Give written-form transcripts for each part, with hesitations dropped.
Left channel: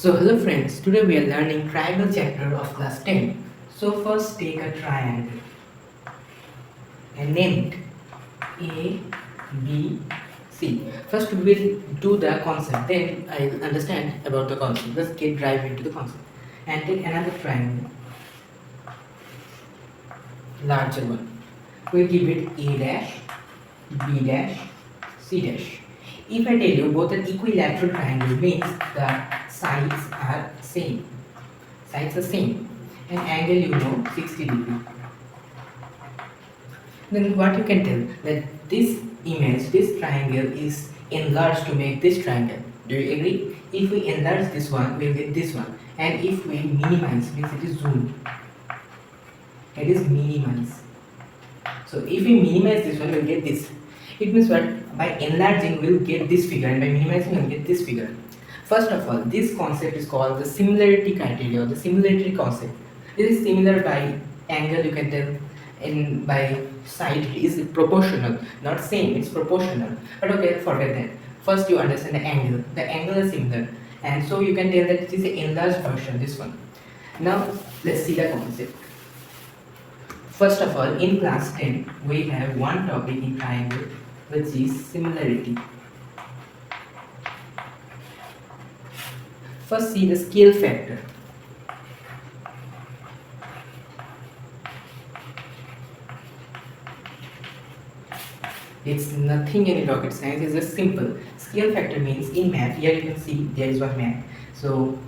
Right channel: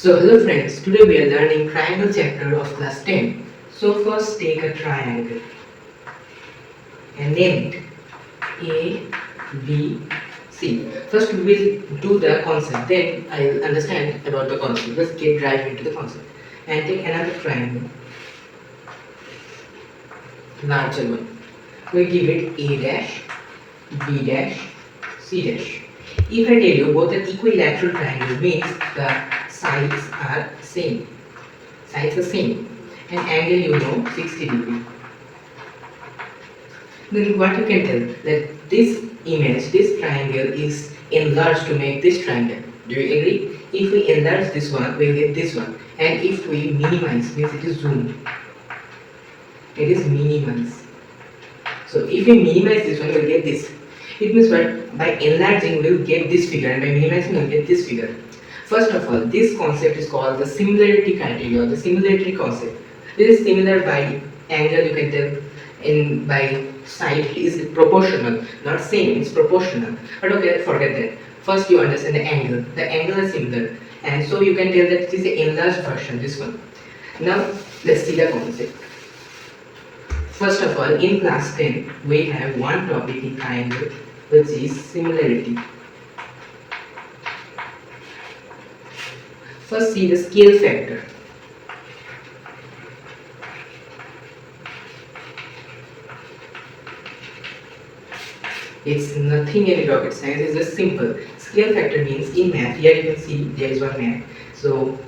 So hello friends, today we are learning triangle chapter of class 10. So first take a triangle and name it A, B, C. First we will do the concept, then I'll understand about the concept. Let's get dive into the concept. And take another triangle, larger one. We'll give it A dash, B dash, C dash. If I tell you both are equilateral triangle means the sides are same. Sides are same. And angle you know 60 degree. Then what you can tell that this image, this triangle is enlarged to make this triangle. Do you agree? If we enlarge this one, we'll get this one. And if we minimize, means it is zoom. It is minimize. So if we minimize this one, we'll get this. It means what? By enlarging, we'll get this figure, and by minimizing, we'll get this figure. First of all, this concept is called the similarity criteria, or the similarity concept. This is similar by angle, you can tell, in by side is proportional, not same, it's proportional. But okay, forget that. First, you understand the angle. The angle is similar, and so you can tell that it is the enlarged version. This one. Now, let's see the concept. First of all, in class 10, we have one topic in triangle, which is similarity. First, see the scale factor. It's nothing in rocket science, it's just simple. Scale factor means in math, here you can see there is one math. So,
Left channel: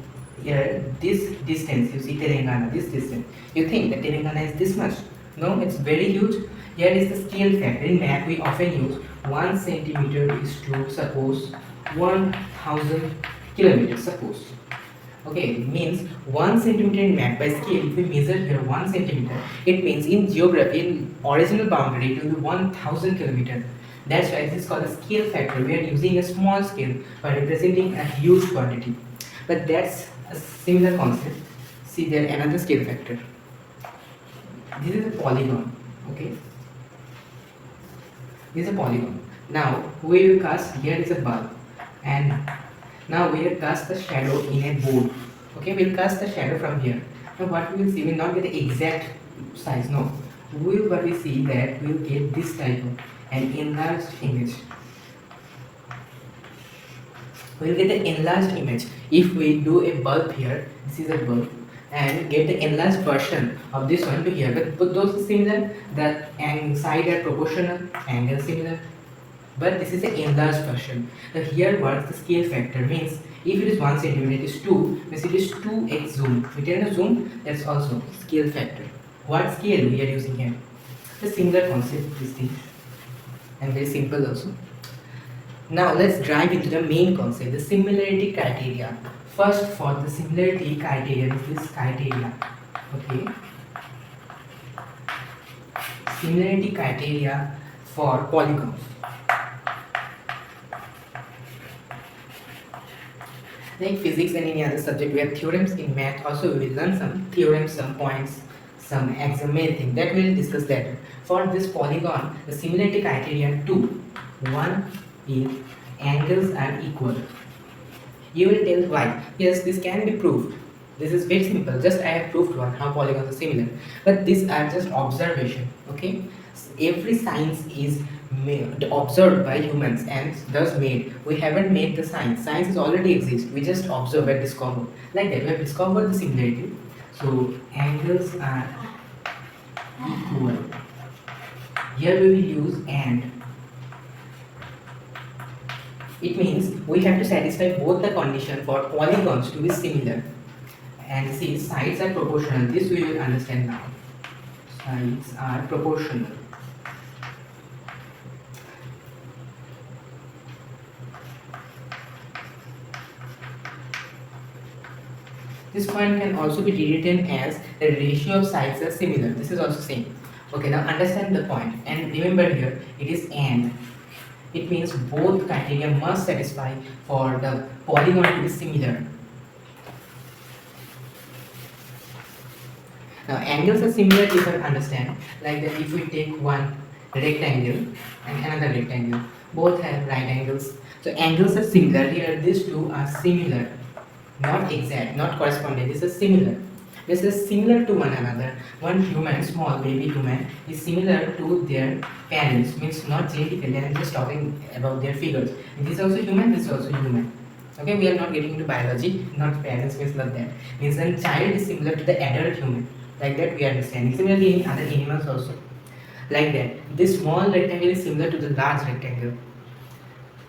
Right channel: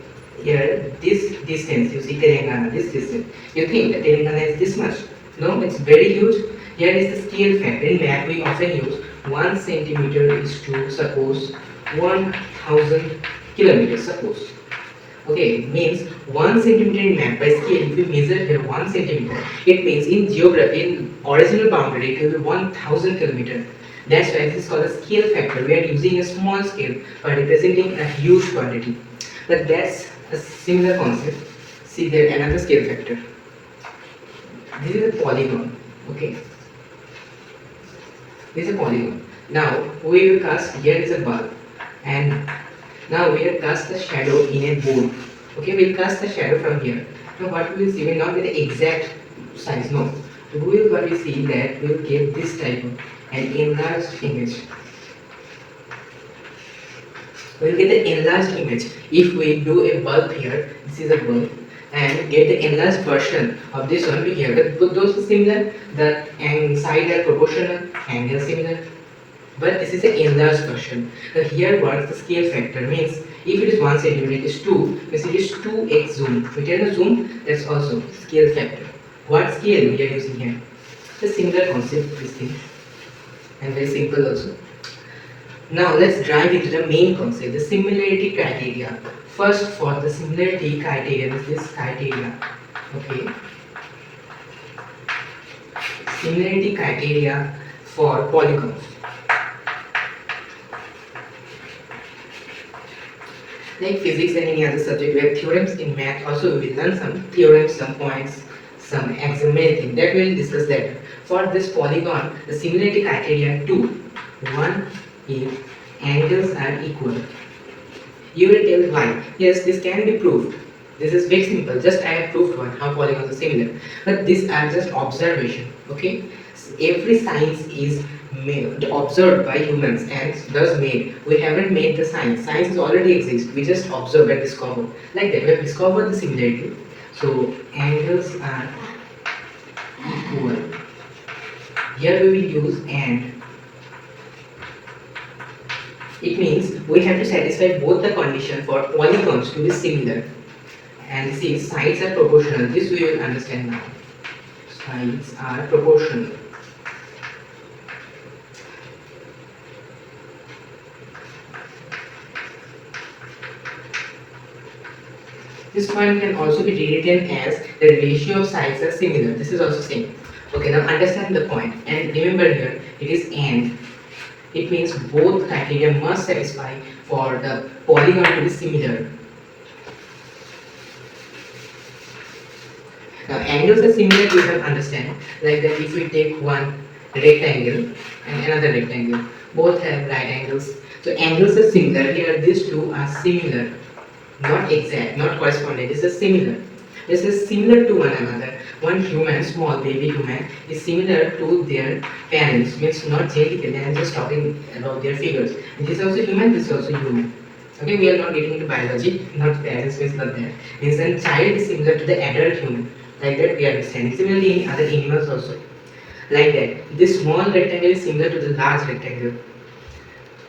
here this distance, you see Telangana, this distance. You think that Telangana is this much? No, it's very huge. Here is the scale factor. In math, we often use 1 centimeter is to suppose 1000 kilometers. Suppose. Okay, means 1 centimeter in math by scale. If we measure here 1 centimeter, it means in geography, in original boundary, it will be 1000 kilometers. That's why this is called a scale factor. We are using a small scale by representing a huge quantity. But that's a similar concept. See there another scale factor. This is a polygon. Okay. This is a polygon. Now we will cast, here is a bulb, and now we will cast the shadow in a board. Okay, we will cast the shadow from here. Now what we will see, we will not get the exact size, no. We will what we see that we will get this type of an enlarged image. We will get the enlarged image. If we do a bulb here, this is a bulb, and get the enlarged version of this one to here. But those are similar, the side are proportional, angle similar. But this is an enlarged version. Now here works the scale factor, means if it is 1 centimeter, it is 2, means it is 2x zoom. If you tell zoom, that's also scale factor. What scale we are using here? The similar concept, this thing, and very simple also. Now let's dive into the main concept, the similarity criteria. First, for the similarity criteria, this criteria. Okay. Similarity criteria for polygons. Like physics and any other subject, we have theorems. In math also we will learn some theorems, some points, some axiom, many things that we will discuss later. For this polygon, the similarity criteria 2. 1 if angles are equal. You will tell why. Yes, this can be proved. This is very simple. Just I have proved one, how polygons are similar. But these are just observation. Okay. Every science is observed by humans and thus made. We haven't made the science. Science already exists. We just observe and discover. Like that, we have discovered the similarity. So angles are equal. Here we will use and. It means we have to satisfy both the condition for polygons to be similar. And see, sides are proportional. This we will understand now. Sides are proportional. This point can also be rewritten as the ratio of sides are similar. This is also same. Okay, now understand the point. And remember here, it is and. It means both criteria must satisfy for the polygon to be similar. Now, angles are similar, you can understand. Like that, if we take one rectangle and another rectangle, both have right angles. So, angles are similar. Here, these two are similar. not exact, not corresponding. This is similar. This is similar to one another. One human, small baby human, is similar to their parents. Means not genetically. I am just talking about their figures. This is also human. This is also human. Okay, we are not getting into biology. Not parents means not that. Means then child is similar to the adult human. Like that we are understanding. Similarly in other animals also. Like that. This small rectangle is similar to the large rectangle.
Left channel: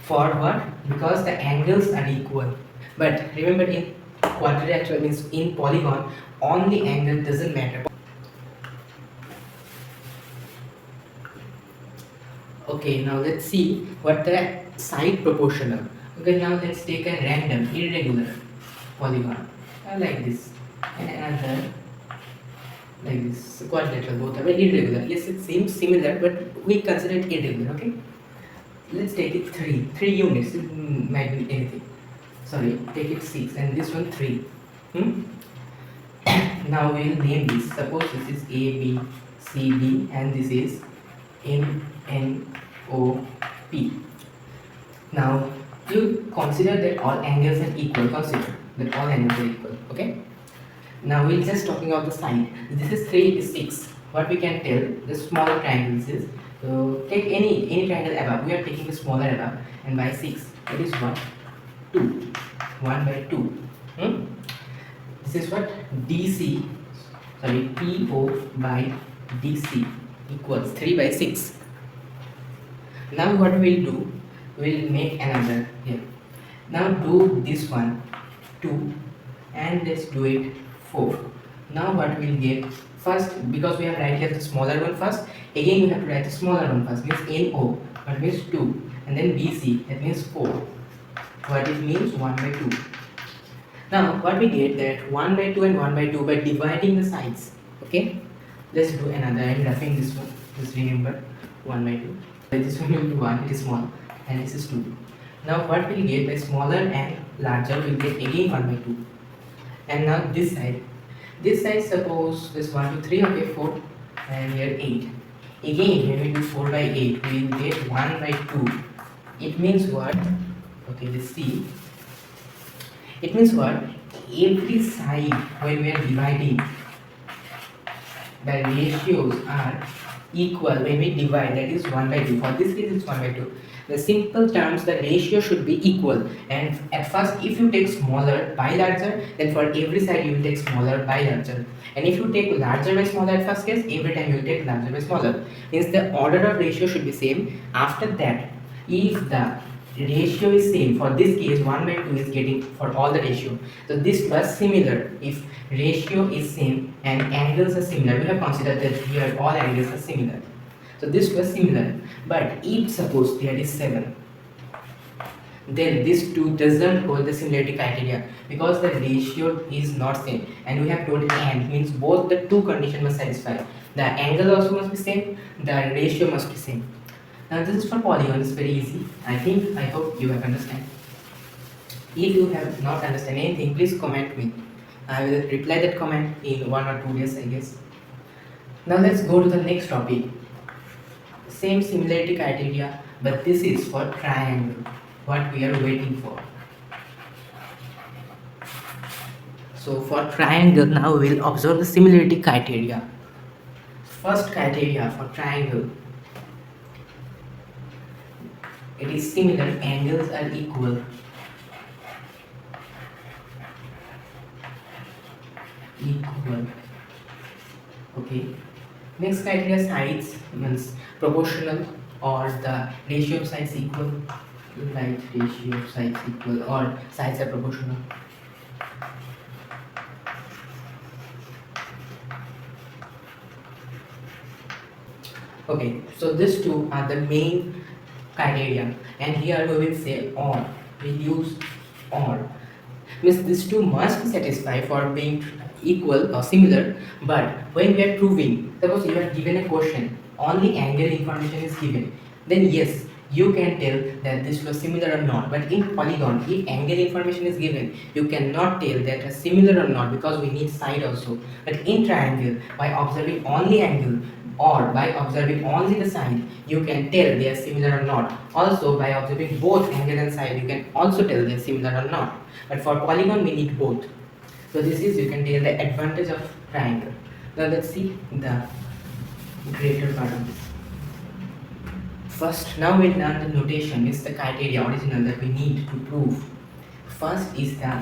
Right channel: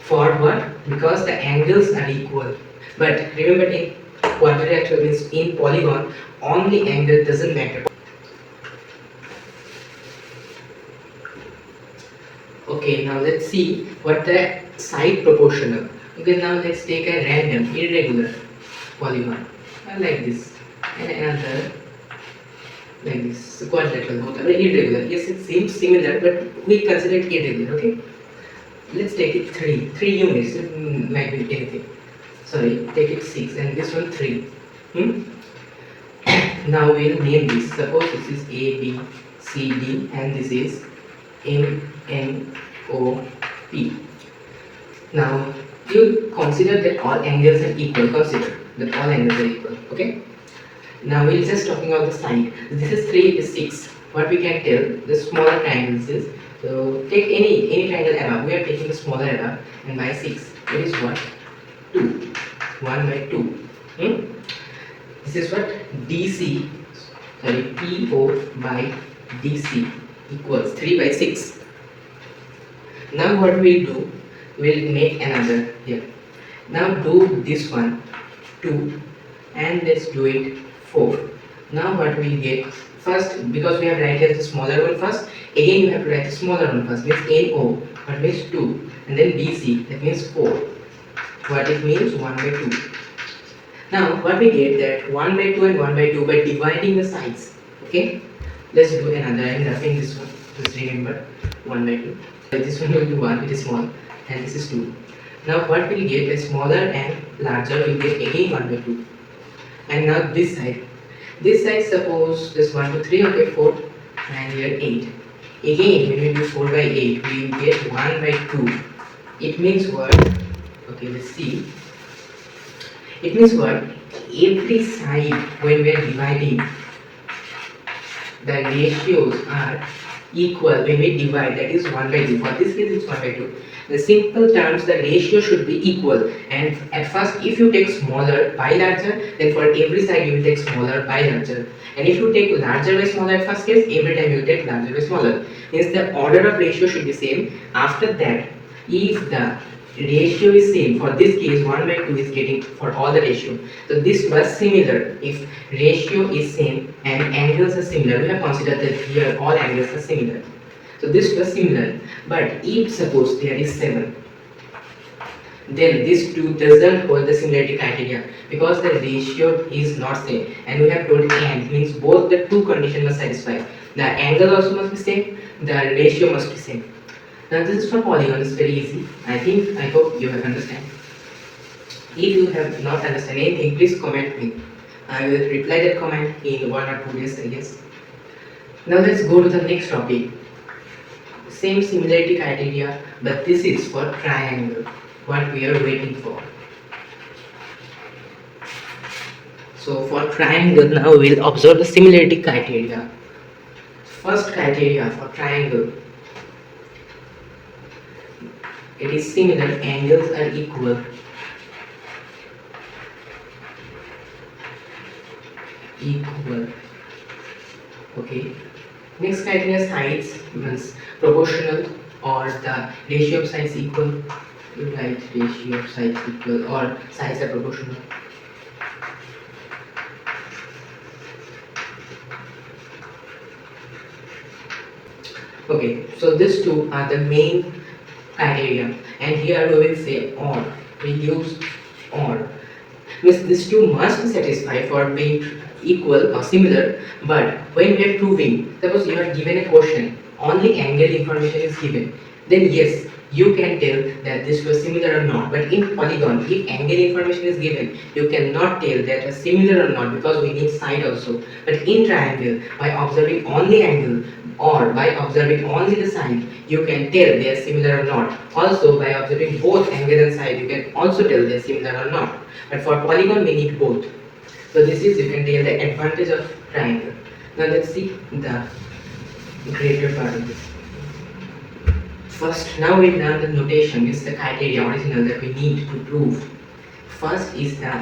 For what? Because the angles are equal. But remember in quadrilateral means in polygon, only angle doesn't matter. Okay, now let's see what the side proportional. Okay, now let's take a random, irregular polygon. Like this. And another like this. Quadrilateral, both are irregular. Yes, it seems similar, but we consider it irregular, okay? Let's take it 3 units. It might be anything. Sorry, take it 6 and this one 3. Now we'll name this. Suppose this is A, B, C, D and this is M, N, O, P. Now you consider that all angles are equal. Consider that all angles are equal. Okay. Now we're just talking about the side. This is 3, is 6. What we can tell, the smaller triangles is, so take any triangle above. We are taking the smaller above and by 6. It is what? 2. 1 by 2. This is what? DC, sorry, PO by DC equals 3 by 6. Now what we'll do, we'll make another here. Now do this one 2 and let's do it 4. Now what we get, first because we have write here the smaller one first, again you have to write the smaller one first, means NO, what means 2, and then DC, that means 4. What it means 1 by 2. Now what we get that 1 by 2 and 1 by 2 by dividing the sides. Okay, let's do another. I am roughing this one. Just remember 1 by 2. This one will be 1, it is small, and this is 2. Now what we get is smaller and larger will get again 1 by 2. And now this side suppose this 1 2 3, okay, 4 and here 8. Again when we do 4 by 8 we get 1 by 2. It means what? Okay, let's see. It means what? Every side when we are dividing, the ratios are equal when we divide, that is 1 by 2. For this case it's 1 by 2. The simple terms, the ratio should be equal, and at first if you take smaller by larger, then for every side you will take smaller by larger, and if you take larger by smaller at first case, every time you will take larger by smaller. Means the order of ratio should be same. After that, if the ratio is same, for this case 1 by 2 is getting for all the ratio, so this was similar. If ratio is same and angles are similar, we have considered that here all angles are similar, so this was similar. But if suppose there is 7, then this 2 doesn't hold the similarity criteria because the ratio is not same, and we have told and means both the two conditions must satisfy. The angle also must be same, the ratio must be same. Now this is for polygon, it's very easy. I hope you have understand. If you have not understand anything, please comment me. I will reply that comment in 1 or 2 days, I guess. Now let's go to the next topic. Same similarity criteria, but this is for triangle, what we are waiting for. So for triangle, now we will observe the similarity criteria. First criteria for triangle, it is similar, angles are equal. Okay. Next criteria, sides means proportional or the ratio of sides equal. You write ratio of sides equal or sides are proportional. Okay, so these two are the main criteria, and here we will say or. We use or. Means these two must satisfy for being equal or similar, but when we are proving, suppose you are given a question, only angle information is given, then yes, you can tell that this was similar or not. But in polygon, if angle information is given, you cannot tell that is similar or not, because we need side also. But in triangle, by observing only angle or by observing only the side, you can tell they are similar or not. Also, by observing both angle and side, you can also tell they are similar or not. But for polygon, we need both. So this is, you can tell the advantage of triangle. Now let's see the greater part of this. First, now we learn the notation, is the criteria original that we need to prove. First is the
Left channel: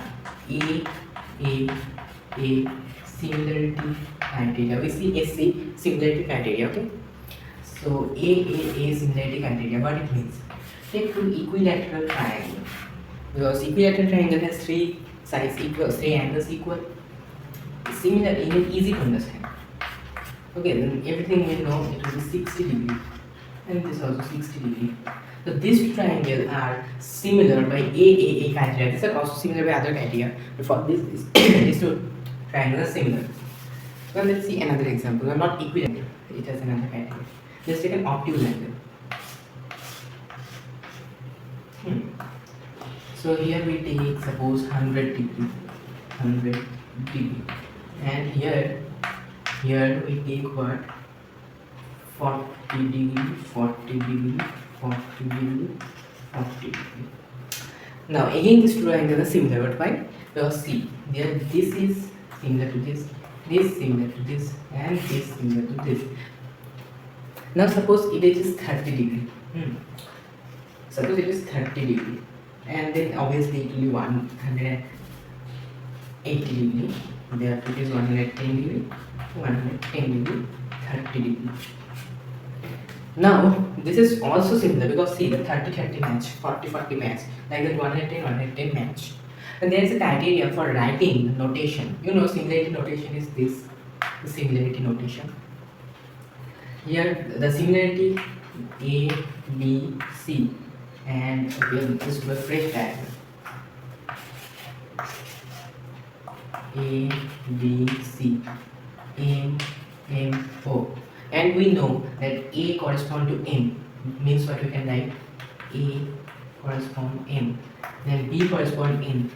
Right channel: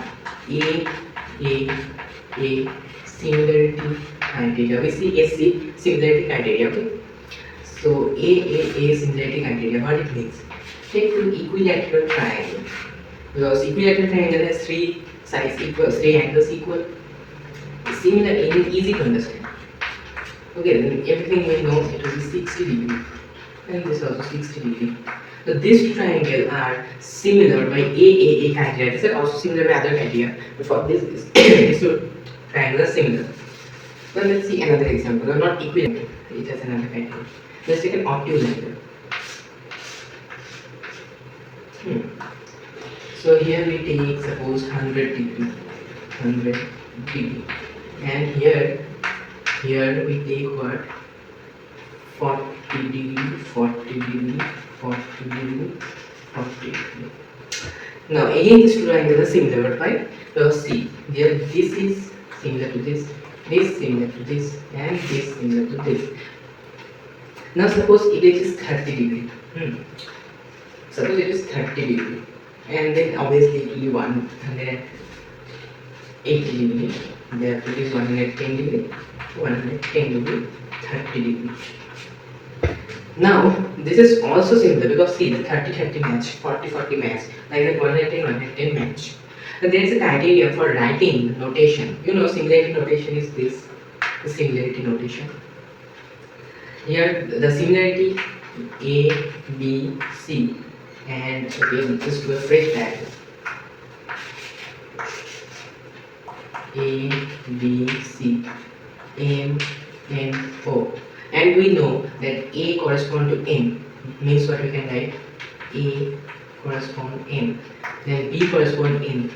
A similarity criteria. We see AC similarity criteria, okay? So A similarity criteria, what it means? Take two equilateral triangle. Because equilateral triangle has three sides equal, three angles equal. Similar and easy to understand. Okay, then everything we know it will be 60 degree. And this also 60 degree. So these triangles are similar by A criteria. These are also similar by other criteria. But for this, these two triangles are similar. Now let's see another example. Now not equilateral. It has another criteria. Let's take an obtuse angle. So here we take suppose 100 degree, and here we take what? 40 degree, 40 degree, 40 degree, 40 degree. Now again these two angles are similar, but why? Because see, here this is similar to this similar to this, and this similar to this. Now suppose it is 30 degree. Suppose it is 30 degree, and then obviously it will be 180 degree. Therefore it is 110 degree, 110 degree, 30 degree. Now this is also similar, because see the 30-30 match, 40-40 match, like that 110 match. And there is a criteria for writing notation. You know, similarity notation is this, the similarity notation. Here the similarity A, B, C, and again this to a fresh diagram. A, B, C, M, N, O. And we know that A correspond to M, means what we can write? A correspond M, then B correspond N,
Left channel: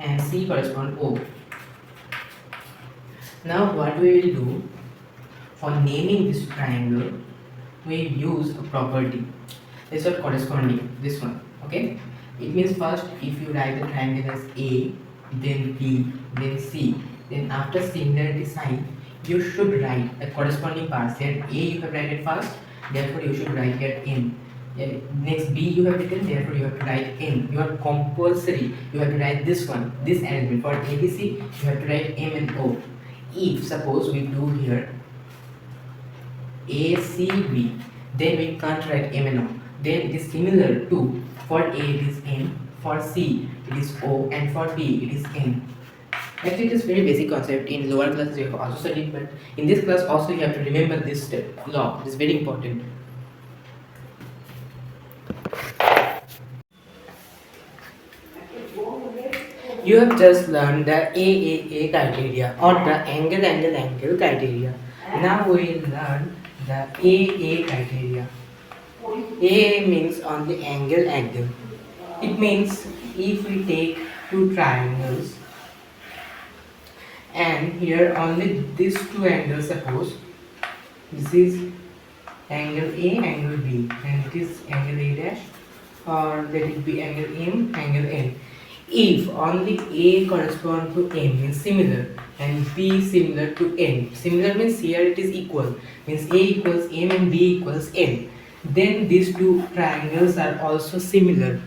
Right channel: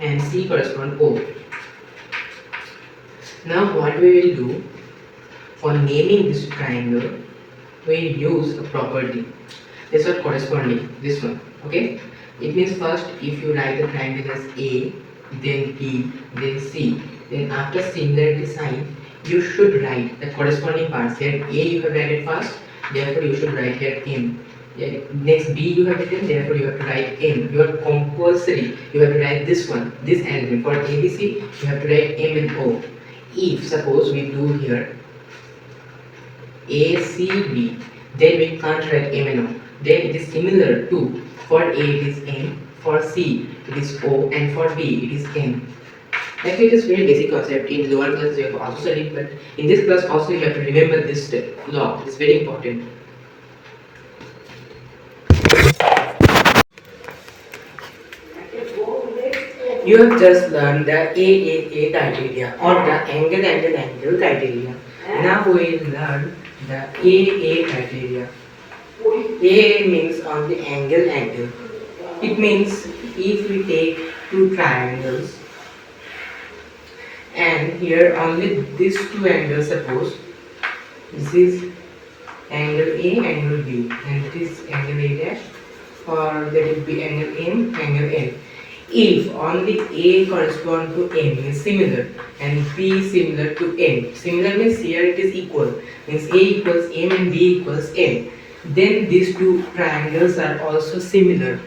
and C correspond O. Now what we will do, for naming this triangle, we use a property. This one corresponding, this one, okay? It means first, if you write the triangle as A, then B, then C, then after similarity sign, you should write the corresponding parts. Here A you have written first, therefore you should write here M. Next B you have written, therefore you have to write M. You are compulsory, you have to write this one, this element. For ABC, you have to write M and O. If suppose we do here ACB, then we can't write M and O. Then it is similar to, for A it is M, for C it is O, and for B it is N. Actually, it is very basic concept. In lower class you have also studied, but in this class also you have to remember this law. It is very important. You have just learned the A criteria, or the angle criteria. Now we will learn the A criteria. A means on the angle. It means if we take two triangles, and here only these two angles, suppose this is angle A, angle B, and this angle A dash, or let it be angle M, angle N. If only A correspond to M, means similar, and B similar to N. Similar means here it is equal, means A equals M and B equals N. Then these two triangles are also similar.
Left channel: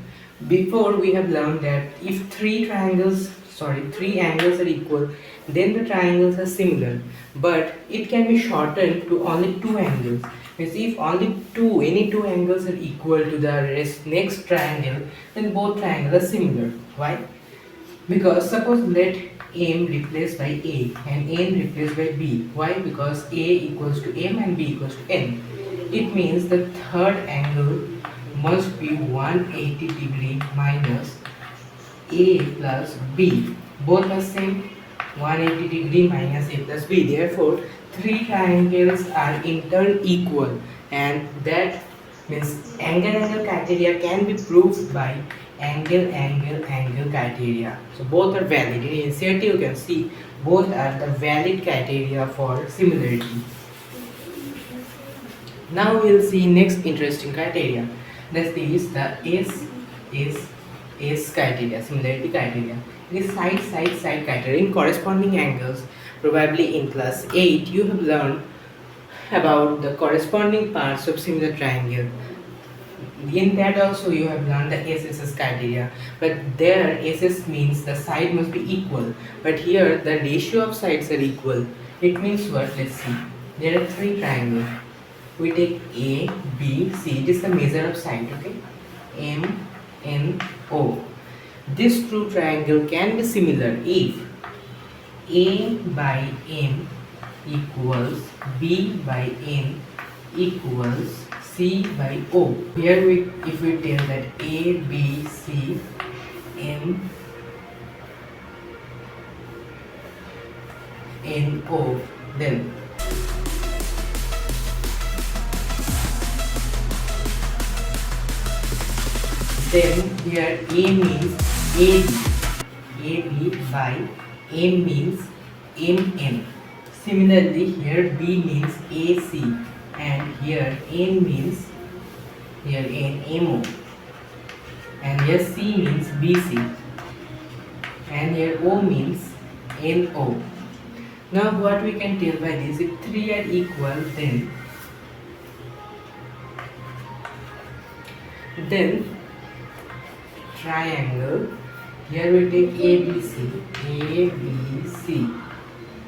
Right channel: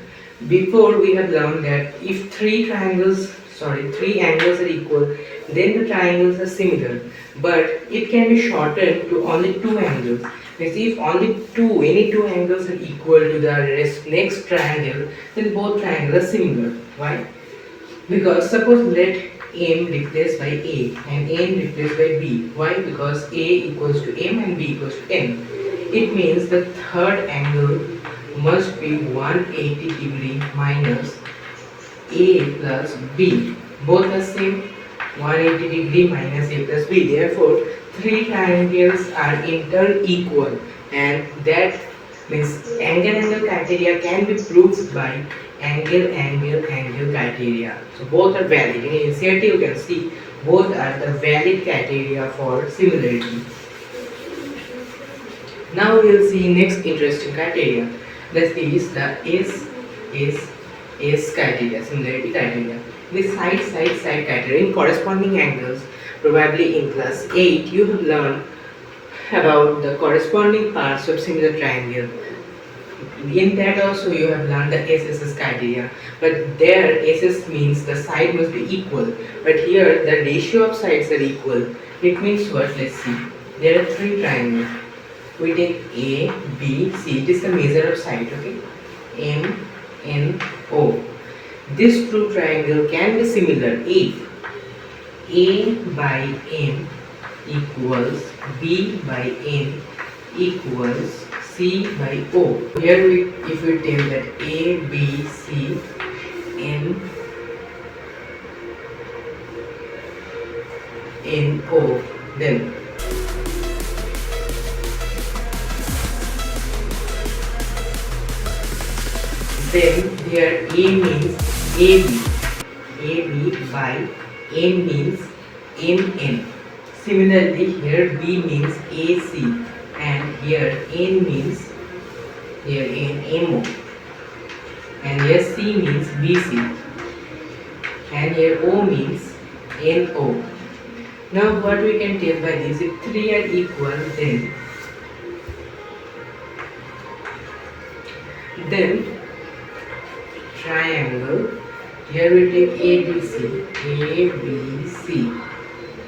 Before we have learned that if three angles are equal, then the triangles are similar, but it can be shortened to only two angles. Means if only any two angles are equal to the next triangle, then both triangles are similar. Why? Because suppose let M replaced by A and N replaced by B. Why? Because A equals to M and B equals to N. It means the third angle must be 180 degree minus A plus B. Both are same, 180 degree minus A plus B. Therefore, three triangles are in turn equal, and that Means angle criteria can be proved by angle criteria. So both are valid. In initiative you can see both are the valid criteria for similarity. Now we will see next interesting criteria. That is the S criteria, similarity criteria. This side criteria in corresponding angles. Probably in class 8 you have learned about the corresponding parts of similar triangle. In that also you have learned the SSS criteria, but there SS means the side must be equal, but here the ratio of sides are equal. It means what? Let's see. There are three triangles. We take A, B, C. This is the measure of side. Okay, M, N, O. This true triangle can be similar if A by M equals B by N equals C by O. Here if we tell that A, B, C, N, O, then here A means AB by M means MN. Similarly, here B means AC, and here N means MO, and here C means BC, and here O means NO. Now what we can tell by this, if three are equal, then triangle, here we take ABC,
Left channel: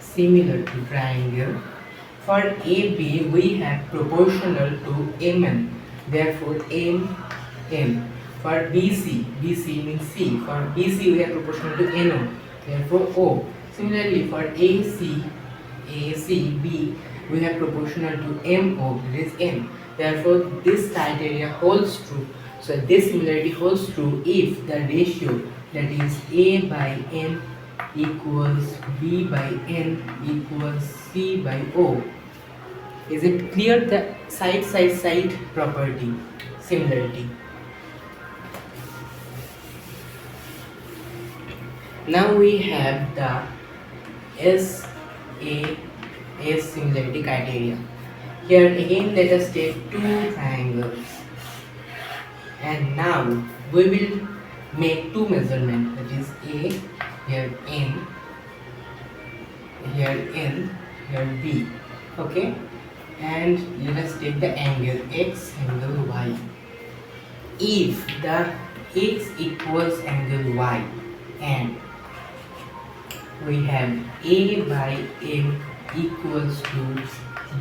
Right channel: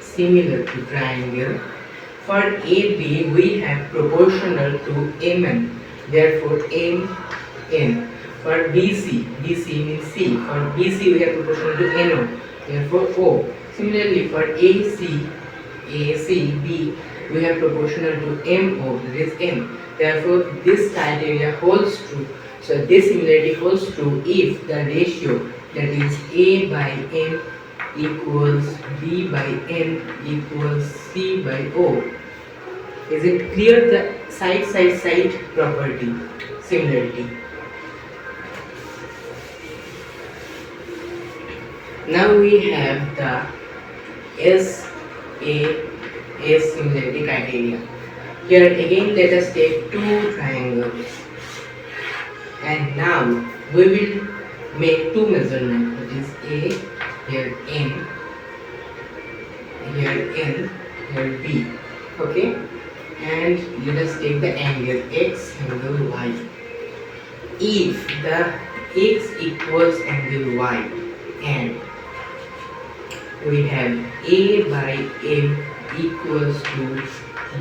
similar to triangle. For AB we have proportional to MN, therefore MN. For BC means C, for BC we have proportional to NO, therefore O. Similarly for B we have proportional to MO, that is M, therefore this criteria holds true. So this similarity holds true if the ratio, that is A by M equals B by N equals C by O. Is it clear? The side property, similarity. Now we have the S similarity criteria. Here again let us take two triangles, and now we will make two measurements, which is A, here N, here B. Okay, and let us take the angle X, angle Y. If the X equals angle Y and we have A by M equals to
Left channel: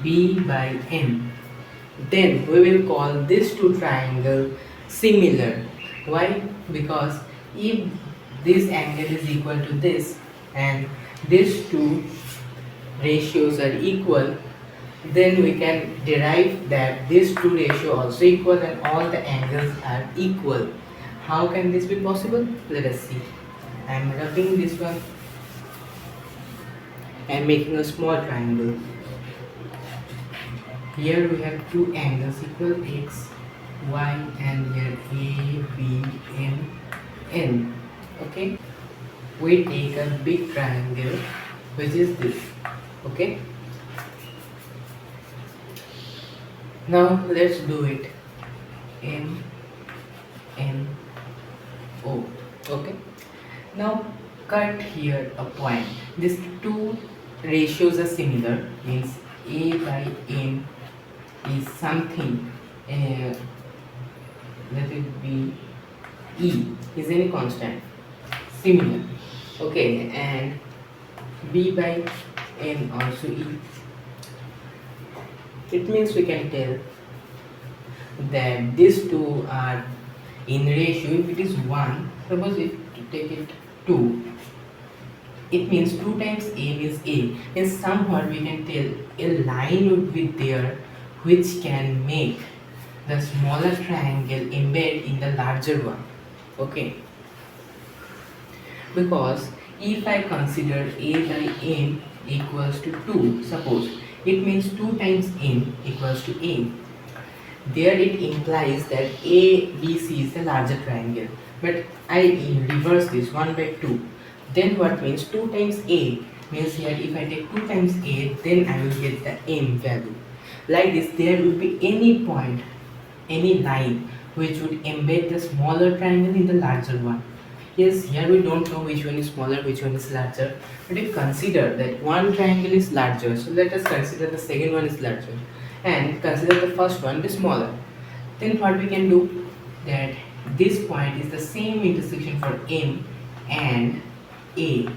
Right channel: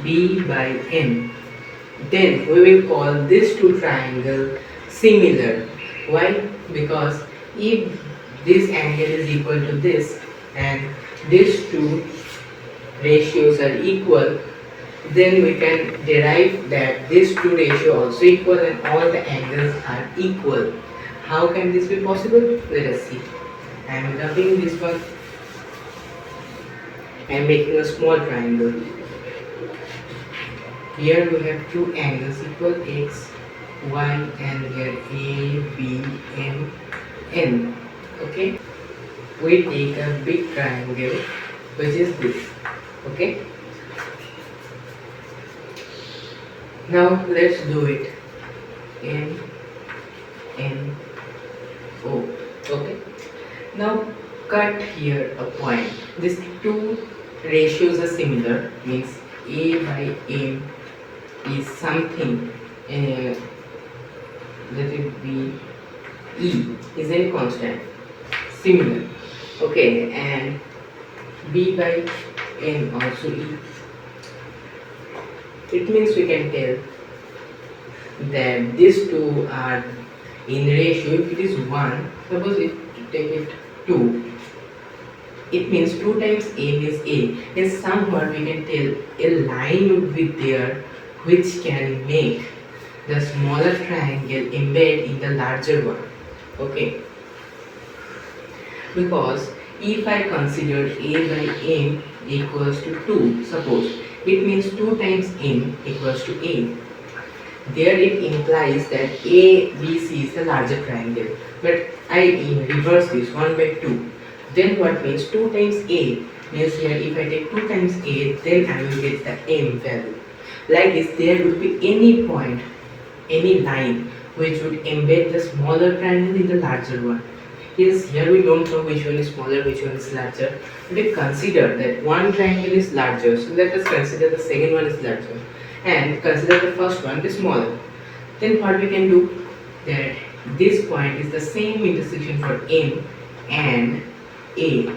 B by N, then we will call this two triangle similar. Why? Because if this angle is equal to this and these two ratios are equal, then we can derive that these two ratios also equal and all the angles are equal. How can this be possible? Let us see. I am rubbing this one. I am making a small triangle. Here we have two angles equal, X, Y, and here A, B, M, N. Okay, we take a big triangle, which is this. Okay, now let's do it. M, N, O. Okay, now cut here a point. These two ratios are similar, means A by M is something, let it be E is any constant, similar. Okay, and B by N also E. It means we can tell that these two are in ratio. If it is 1, suppose if you take it 2, it means 2 times A is A. And somewhat we can tell a line would be there which can make the smaller triangle embed in the larger one. Okay, because if I consider A by M equals to 2, suppose, it means 2 times M equals to A. there it implies that ABC is a larger triangle. But I reverse this 1 by 2. Then what means 2 times A means here if I take 2 times A, then I will get the M value. Like this, there will be any point, any line which would embed the smaller triangle in the larger one. Yes, here we don't know which one is smaller, which one is larger. But if consider that one triangle is larger, so let us consider the second one is larger and consider the first one is smaller. Then what we can do, that this point is the same intersection for M and A,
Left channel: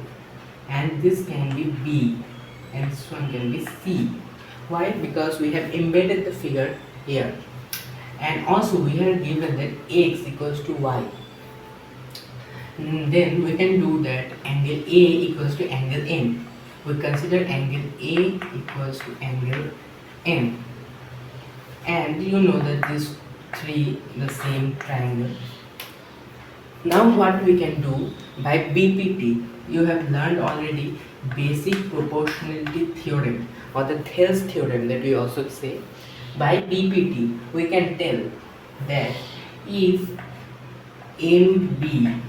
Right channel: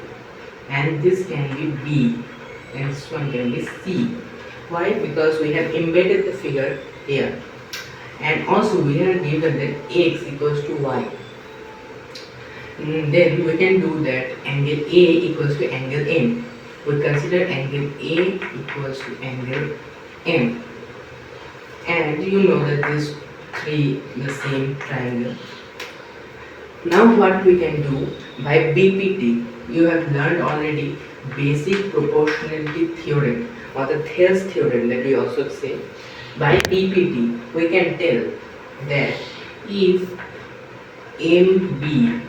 and this can be B and this one can be C. Why? Because we have embedded the figure here, and also we are given that X equals to Y. Then we can do that angle A equals to angle M. We consider angle A equals to angle M, and you know that these three the same triangle. Now what we can do by BPT, you have learned already basic proportionality theorem or the Thales theorem that we also say. By BPT we can tell that if MB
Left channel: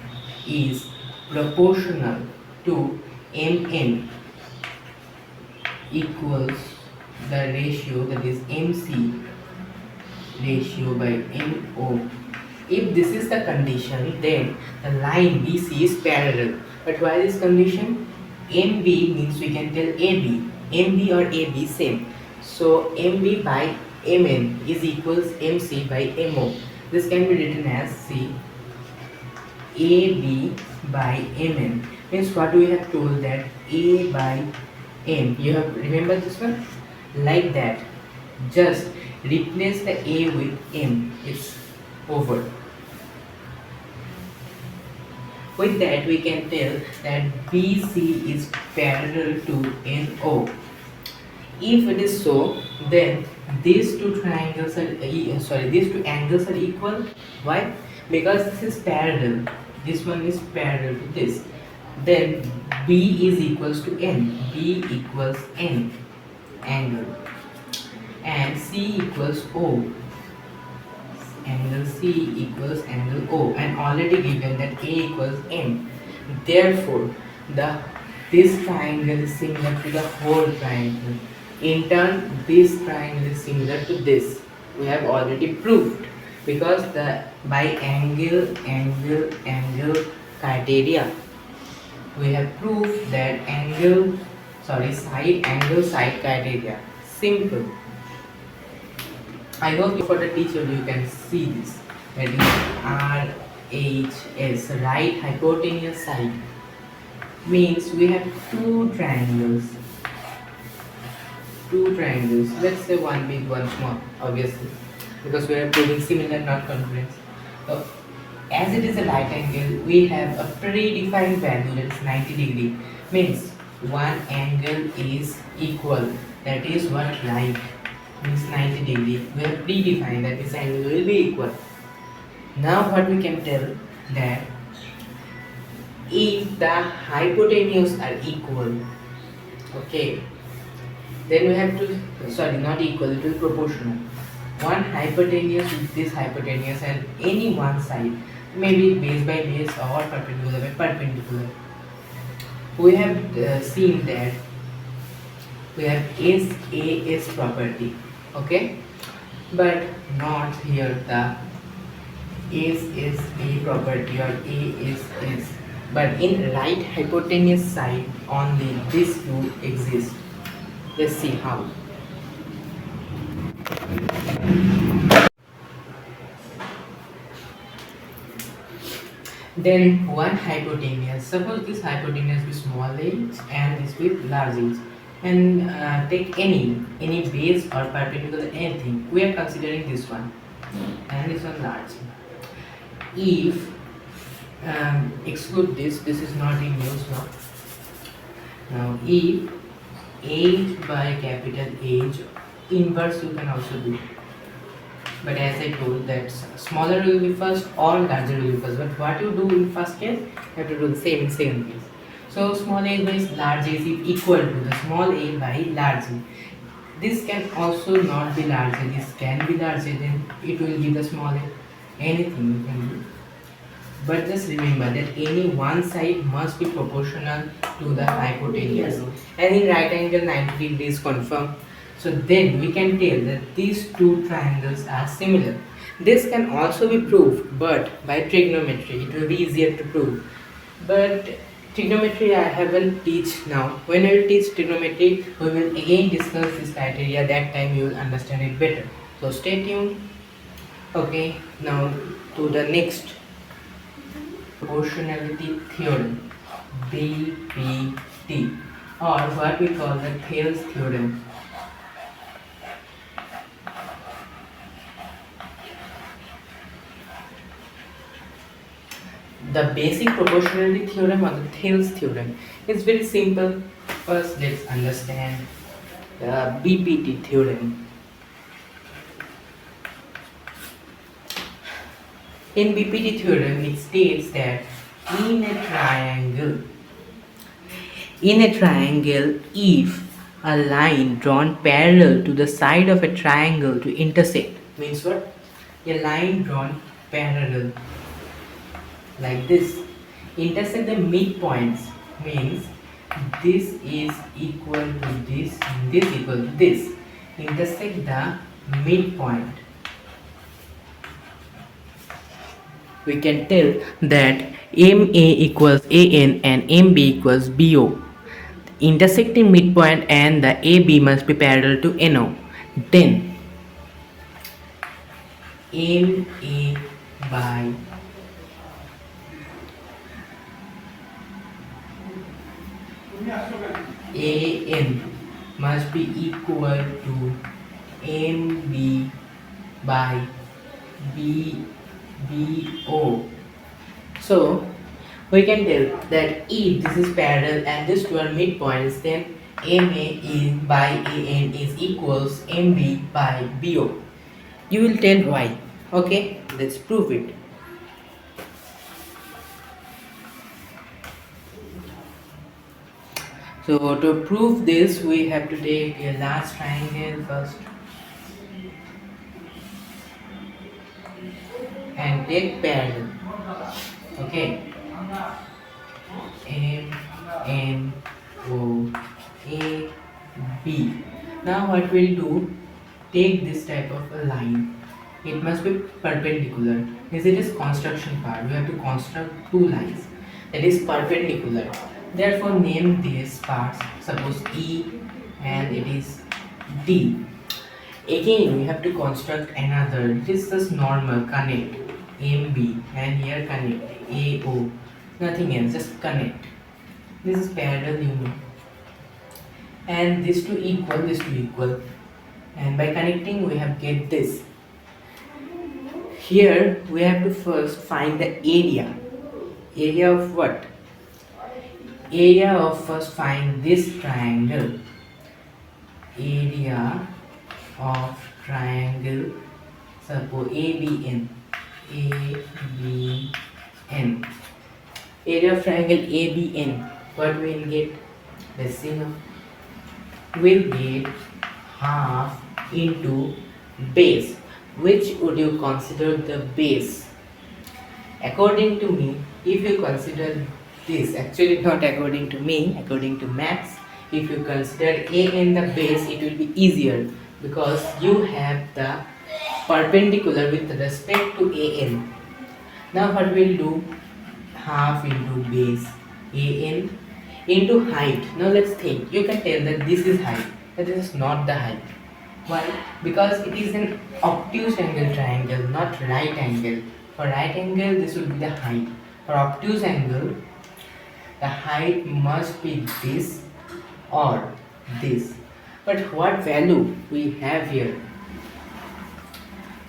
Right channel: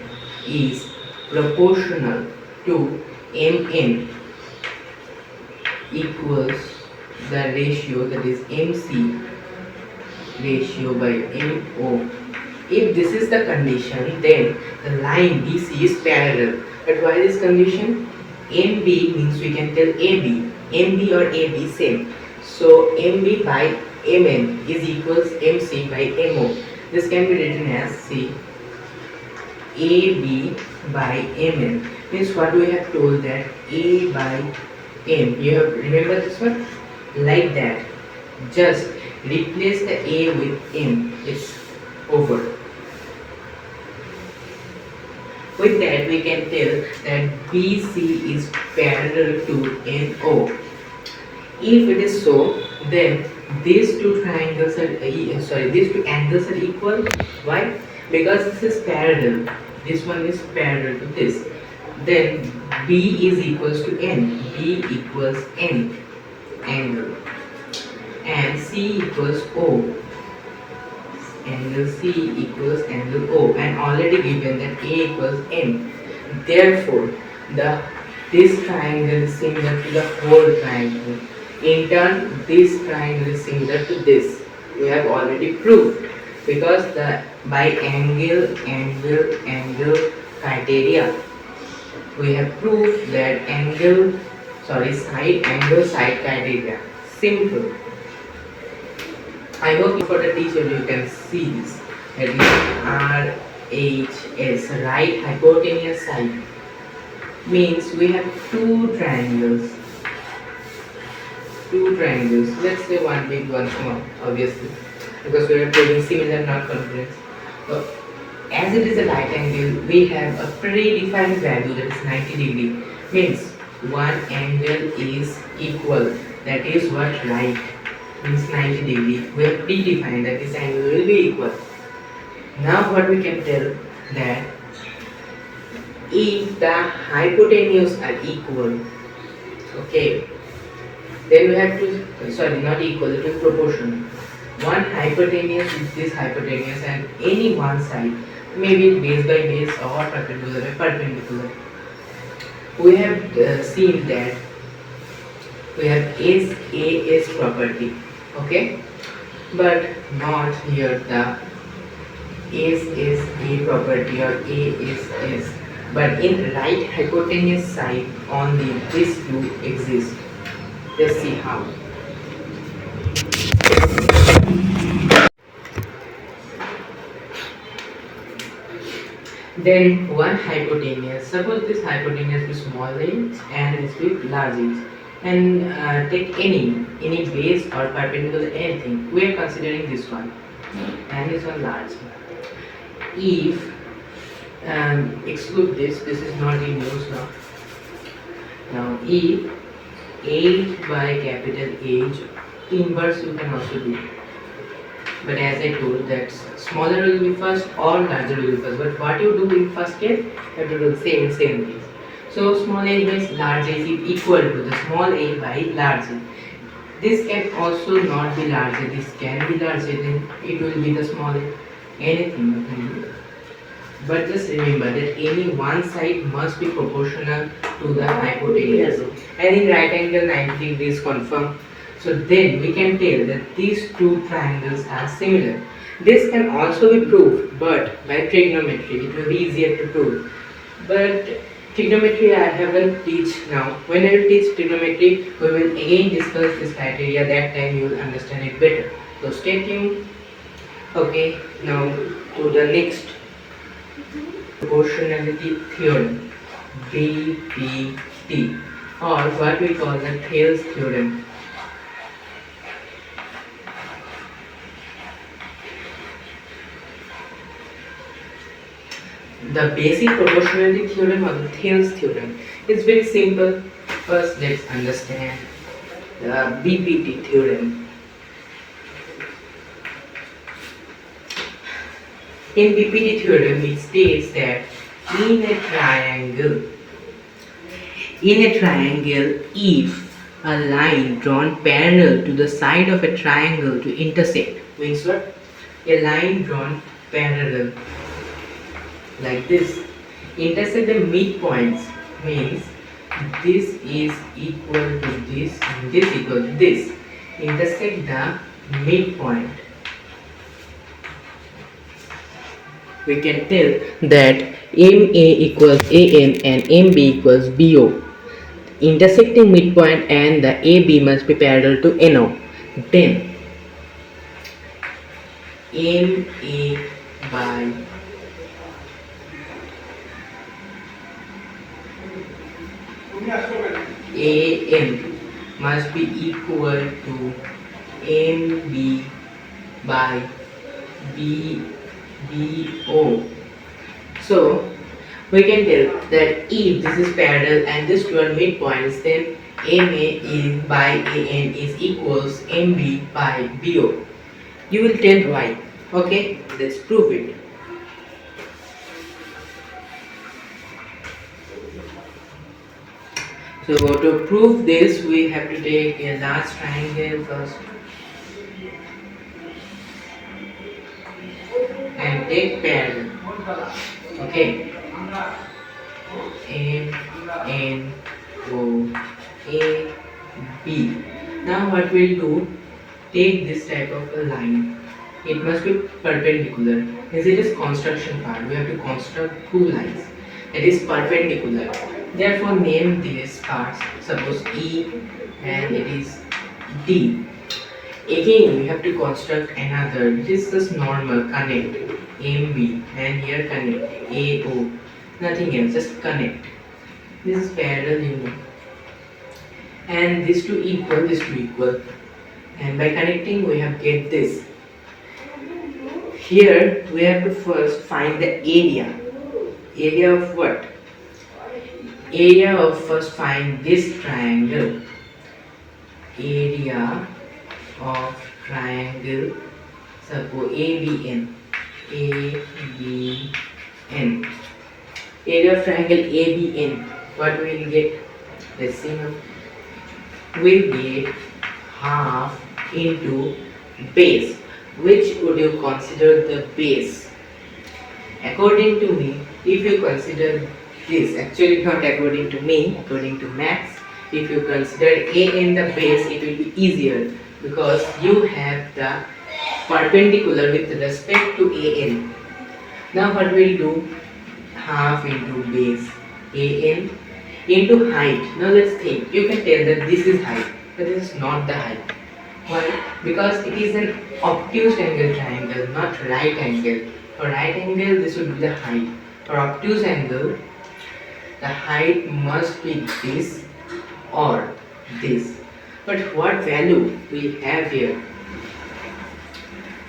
is proportional to MN equals the ratio, that is MC ratio by MO. If this is the condition, then the line BC is parallel. But why this condition? MB means we can tell AB. MB or AB same. So MB by MN is equals MC by MO. This can be written as C AB by MN. Means what we have told, that A by M. You have remember this one? Like that. Just replace the A with M. It's over. With that we can tell that BC is parallel to NO. If it is so, then these two triangles are these two angles are equal. Why? Because this is parallel. This one is parallel to this. Then B is equals to N. B equals N angle, and C equals O. Angle C equals angle O, and already given that A equals M. Therefore, this triangle is similar to the whole triangle. In turn, this triangle is similar to this. We have already proved, because by angle criteria, we have proved that side criteria. Simple. I hope for the teacher you can see this. That is RHS, right hypotenuse side. Means we have two triangles. Let's say one big, one small, obviously, because we are proving similar, not concurrence. So, as it is a right angle, we have a predefined value, that is 90 degree. Means one angle is equal. That is what right means, 90 degree. We have predefined that this angle will be equal. Now what we can tell, that if the hypotenuse are equal, okay, then we have to, not equal, it is proportional. One hypotenuse is this hypotenuse, and any one side, maybe base by base or perpendicular by perpendicular. We have seen that we have SAS property, okay, but not here the SSA property or ASS, but in right hypotenuse side only this two exist. Let's see how. Then one hypotenuse, suppose this hypotenuse is small h and this with large h, and take any base or perpendicular anything. We are considering this one and this one large. If exclude this is not in use now. Now if h by capital H, inverse you can also do. But as I told, that smaller will be first or larger will be first. But what you do in first case, you have to do the same in second case. So small a by large a is equal to the small a by large a. This can also not be larger, this can be larger, then it will be the smaller. Anything you can do. But just remember that any one side must be proportional to the hypotenuse. And in right angle 90 degrees confirm. So then we can tell that these two triangles are similar. This can also be proved, but by trigonometry it will be easier to prove. But trigonometry I haven't teach now. When I will teach trigonometry, we will again discuss this criteria. That time you will understand it better. So stay tuned. Okay, now to the next proportionality theorem, BPT, or what we call the Thales theorem. The basic proportionality theorem or the Thales theorem is very simple. First, let's understand the BPT theorem. In BPT theorem, it states that in a triangle, if a line drawn parallel to the side of a triangle to intersect, means what? A line drawn parallel like this, intersect the midpoints, means this is equal to this, this equal to this, intersect the midpoint. We can tell that MA equals AN and MB equals BO. Intersecting midpoint and the AB must be parallel to NO. Then MA by AM must be equal to MB by BO. So we can tell that if this is parallel and these two are midpoints, then MA is by AN is equals MB by BO. You will tell why. Okay, let's prove it. So to prove this, we have to take a large triangle first and take parallel. Okay, M N O A B. Now what we'll do? Take this type of a line. It must be perpendicular. As it is construction part, we have to construct two lines that is perpendicular. Therefore, name these parts. Suppose E and it is D. Again, we have to construct another. This is just normal connect MB and here connect AO. Nothing else, just connect. This is parallel, you know. And these two equal. And by connecting, we have get this. Here we have to first find the area. Area of what? Area of first find this triangle. Area of triangle, suppose ABN. ABN. Area of triangle ABN. What we will get? Let's see now. We'll get half into base. Which would you consider the base? According to me, if you consider this, actually not according to me, according to maths, if you consider A in the base, it will be easier because you have the perpendicular with respect to AN. Now what we'll do? Half into base AN into height. Now let's think. You can tell that this is height, but this is not the height. Why? Because it is an obtuse angle triangle, not right angle. For right angle, this would be the height. For obtuse angle, the height must be this or this. But what value we have here?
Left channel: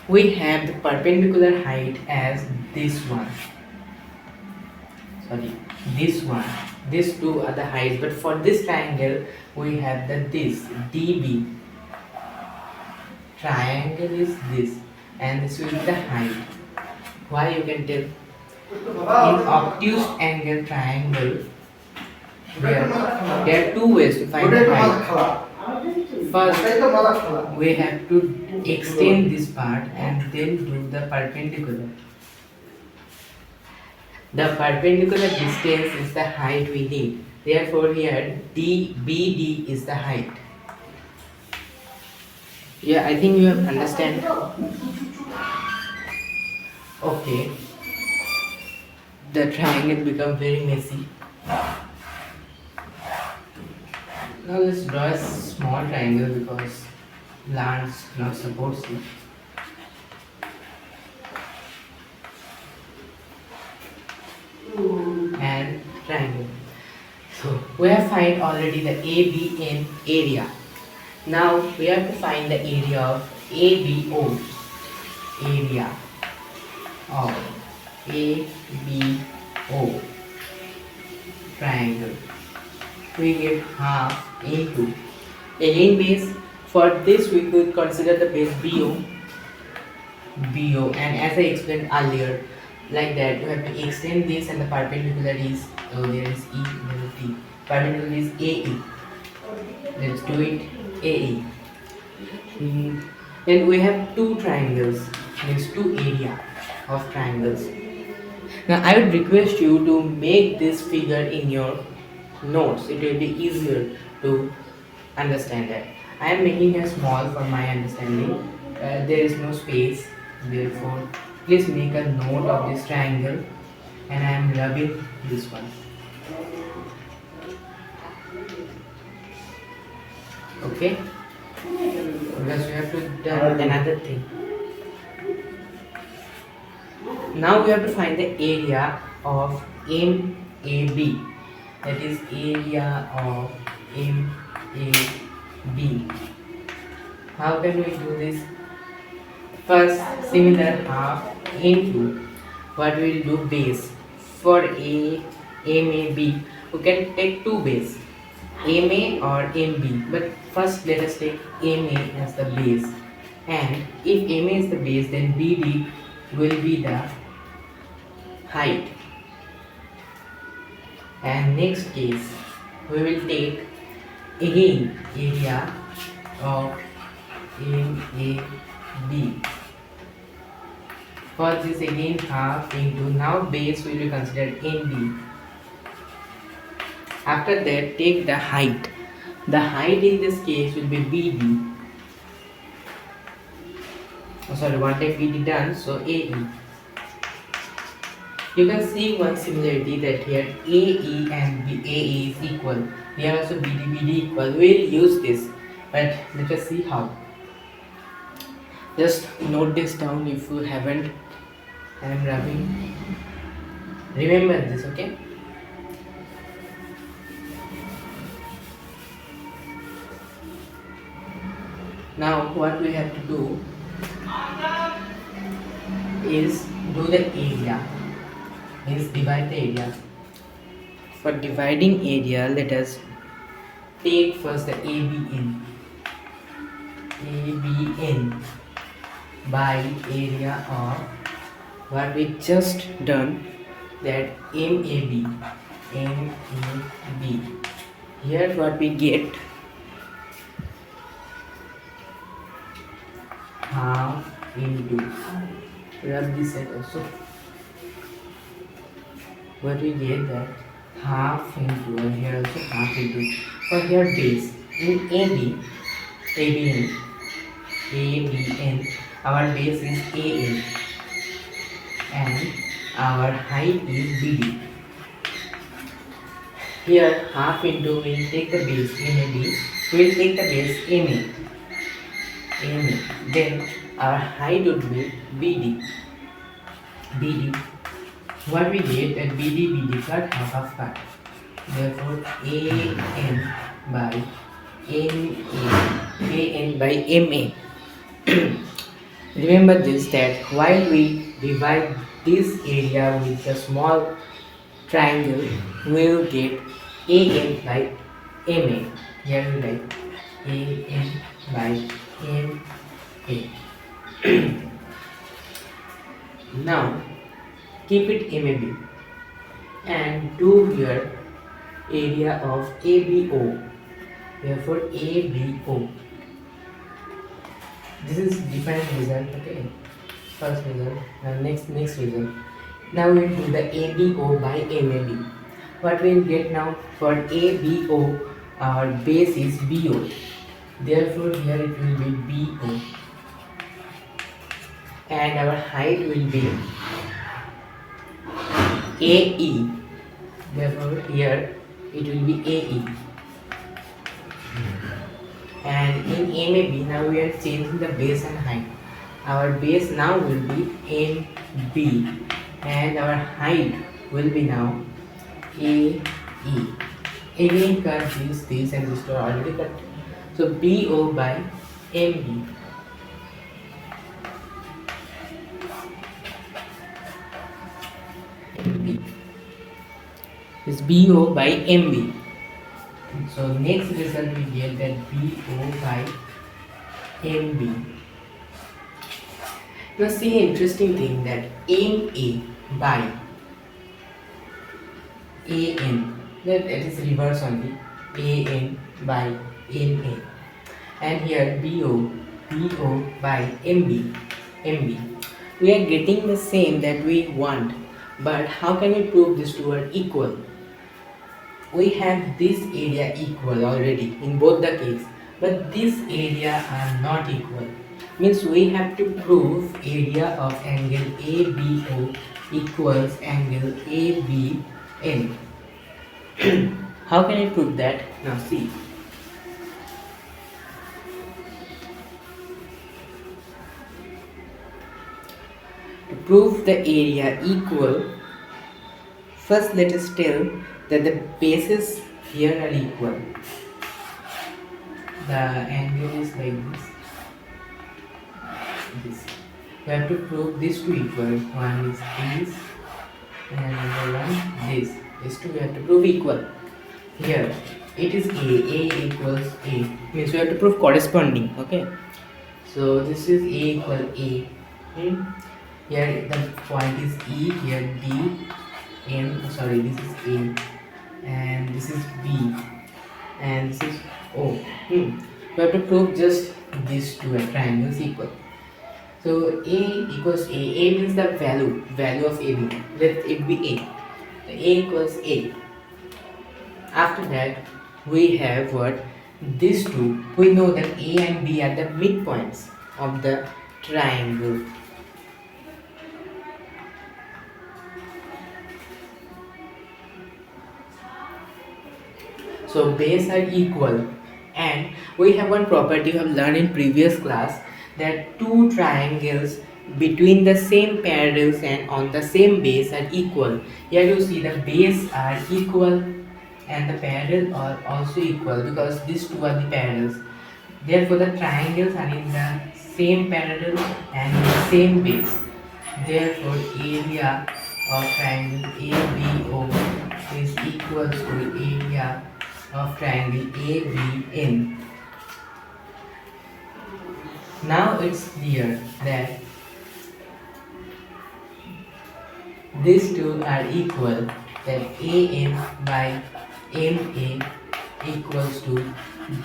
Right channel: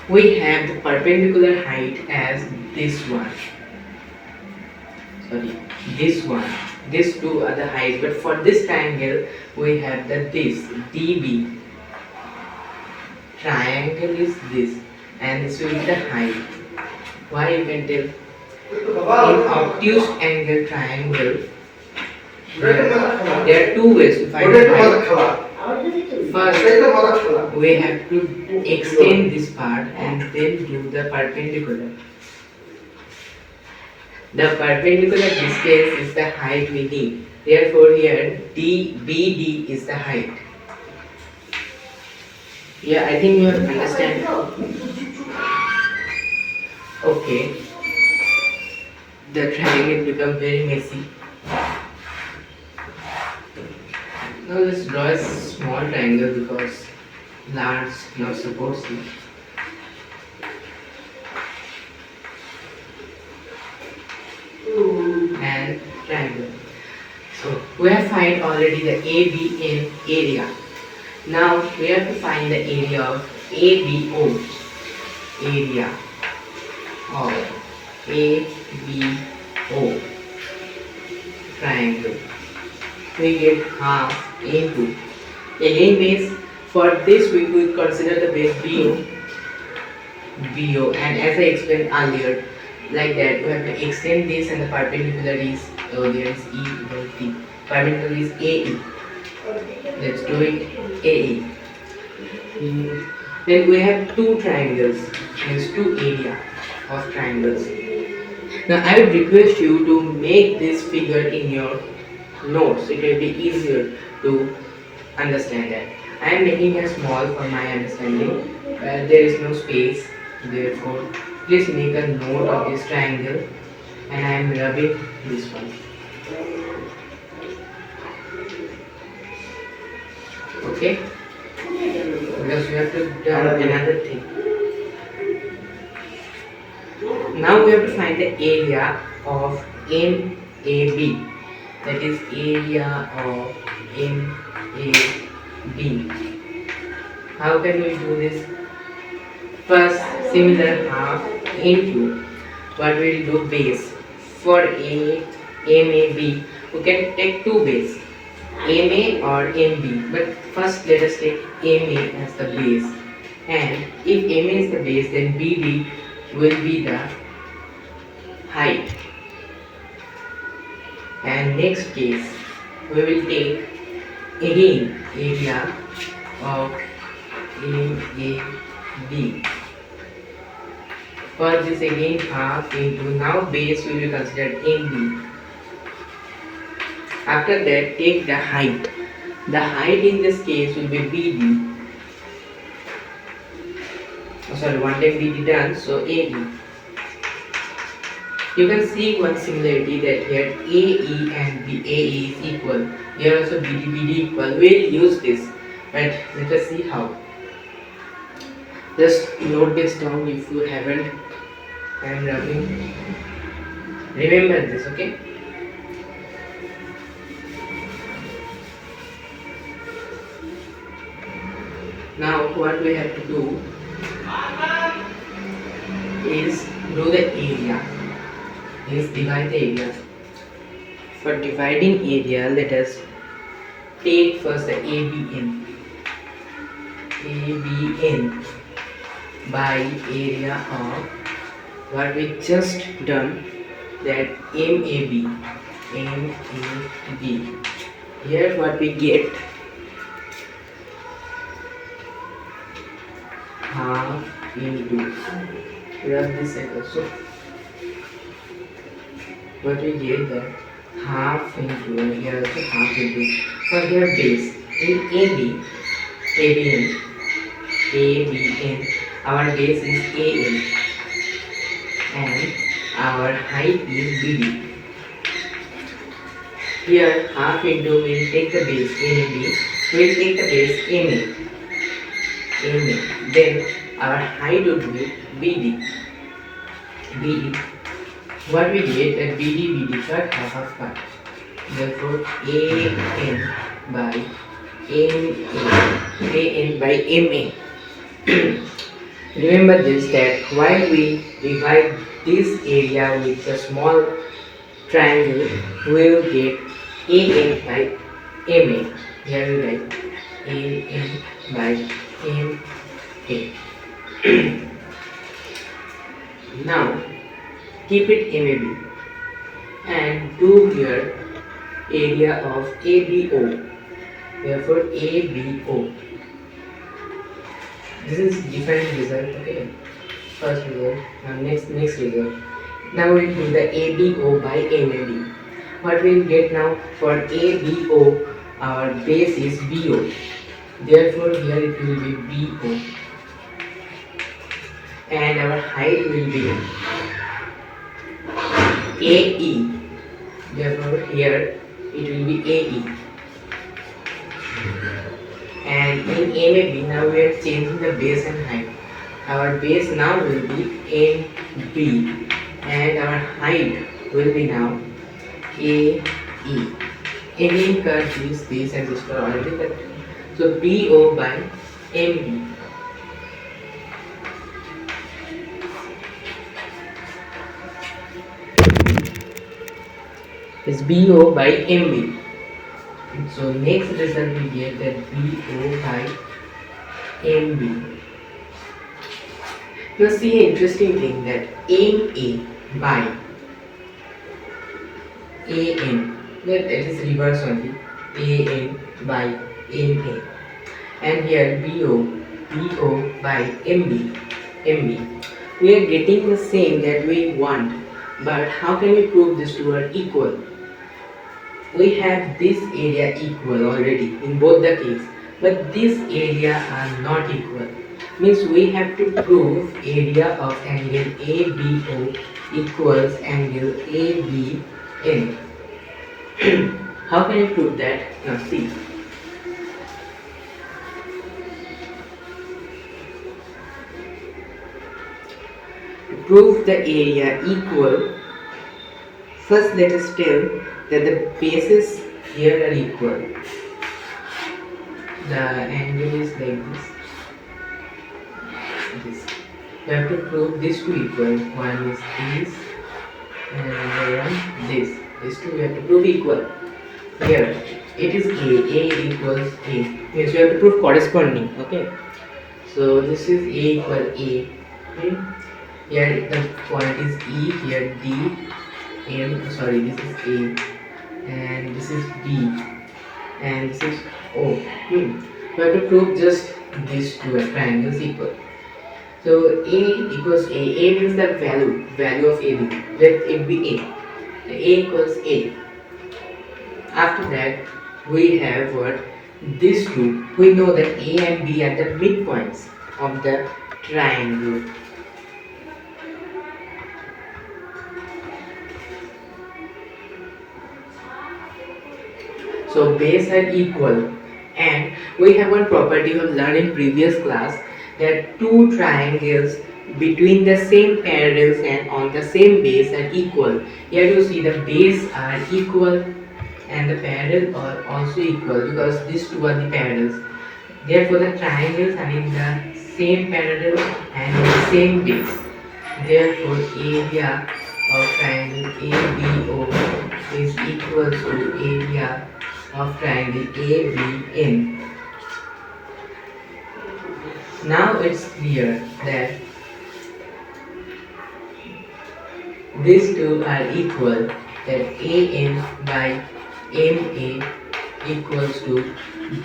We have the perpendicular height as this one. Sorry, this one. These two are the heights. But for this triangle, we have the this DB. Triangle is this, and this will be the height. Why you can tell? In obtuse angle triangle, there are two ways to find the height. First, we have to extend this part and then do the perpendicular. The perpendicular distance is the height we need. Therefore, here BD is the height. Yeah, I think you have understand. Okay. The triangle become very messy. Now let's draw a small triangle because large not supposed to. And triangle. So we have find already the ABN area. Now we have to find the area of ABO. Area of ABO triangle. We get half into again base. For this we could consider the base BO, and as I explained earlier, like that we have to extend this and the perpendicular is there is E, there is T. Perpendicular is AE. Let's do it AE. Then we have two triangles, means two area of triangles. Now I would request you to make this figure in your notes. It will be easier to understand that. I am making it small for my understanding. There is no space. Therefore, please make a note of this triangle, and I am rubbing this one. Okay? Because we have to do another thing. Now we have to find the area of MAB. That is area of MAB. How can we do this? First, similar half into what we will do base. For MAB, we can take two base, MA or MB. But first, let us take MA as the base. And if MA is the base, then BD will be the height. And next case, we will take again area of MAB. For this again half into, now base will be considered MB. After that, take the height. The height in this case will be BD. Oh, sorry, one time BD done, so AE. You can see one similarity that here AE and AE is equal. Here also BD equal. We will use this, but let us see how. Just note this down if you haven't. I am rubbing. Remember this, okay? Now what we have to do is do the area. Means divide the area. For dividing area, let us take first the ABN. ABN by area of what we just done, that MAB. MAB. Here what we get, half into, rub this side also. What we get that half into, and here also half into. For here base in ABN, our base is AN, and our height is BD. Here half into will take the base MAB, will take the base MA. Then our height would be BD. What we get that BD cut, half cut. Therefore AN by MA. Remember this, that while we divide this area with a small triangle, we will get AN by MA. Here we write AN by MA. Now keep it MAB and do here area of ABO. Therefore ABO. This is different result. Okay, first result. Now next result. Now we'll do the ABO by MAB. What we'll get now for ABO, our base is BO. Therefore, here it will be BO, and our height will be AE. Therefore, here it will be AE. And in MAB, now we are changing the base and height. Our base now will be MB, and our height will be now AE. Again, cut this and this are already cut. So BO by MB. Is BO by MB. So next result we get that BO by MB. Now see an interesting thing that MA by AM, that it is reverse only, AM by MA, and here BO by MB. We are getting the same that we want, but how can we prove this two are equal? We have this area equal already in both the case, but this area are not equal. Means we have to prove area of angle ABO equals angle ABN. How can I prove that? Now see. To prove the area equal, first let us tell that the bases here are equal. The angle is like this. We have to prove these two equal. One is this and another one this. These two we have to prove equal. Here it is A equals A. Means we have to prove corresponding. Okay. So this is A equal A. Here the point is E, here D, this is A, and this is B, and this is O. You have to prove just these two triangles equal. So A equals A. A means the value of AB. Let it be A. A equals A. After that, we have what? These two. We know that A and B are the midpoints of the triangle. So base are equal, and we have one property we have learned in previous class, that two triangles between the same parallels and on the same base are equal. Here you see the base are equal and the parallel are also equal, because these two are the parallels. Therefore the triangles are in the same parallel and in the same base. Therefore area of triangle ABO is equal to area of triangle ABN. Now it's clear that these two are equal, that AM by MA equals to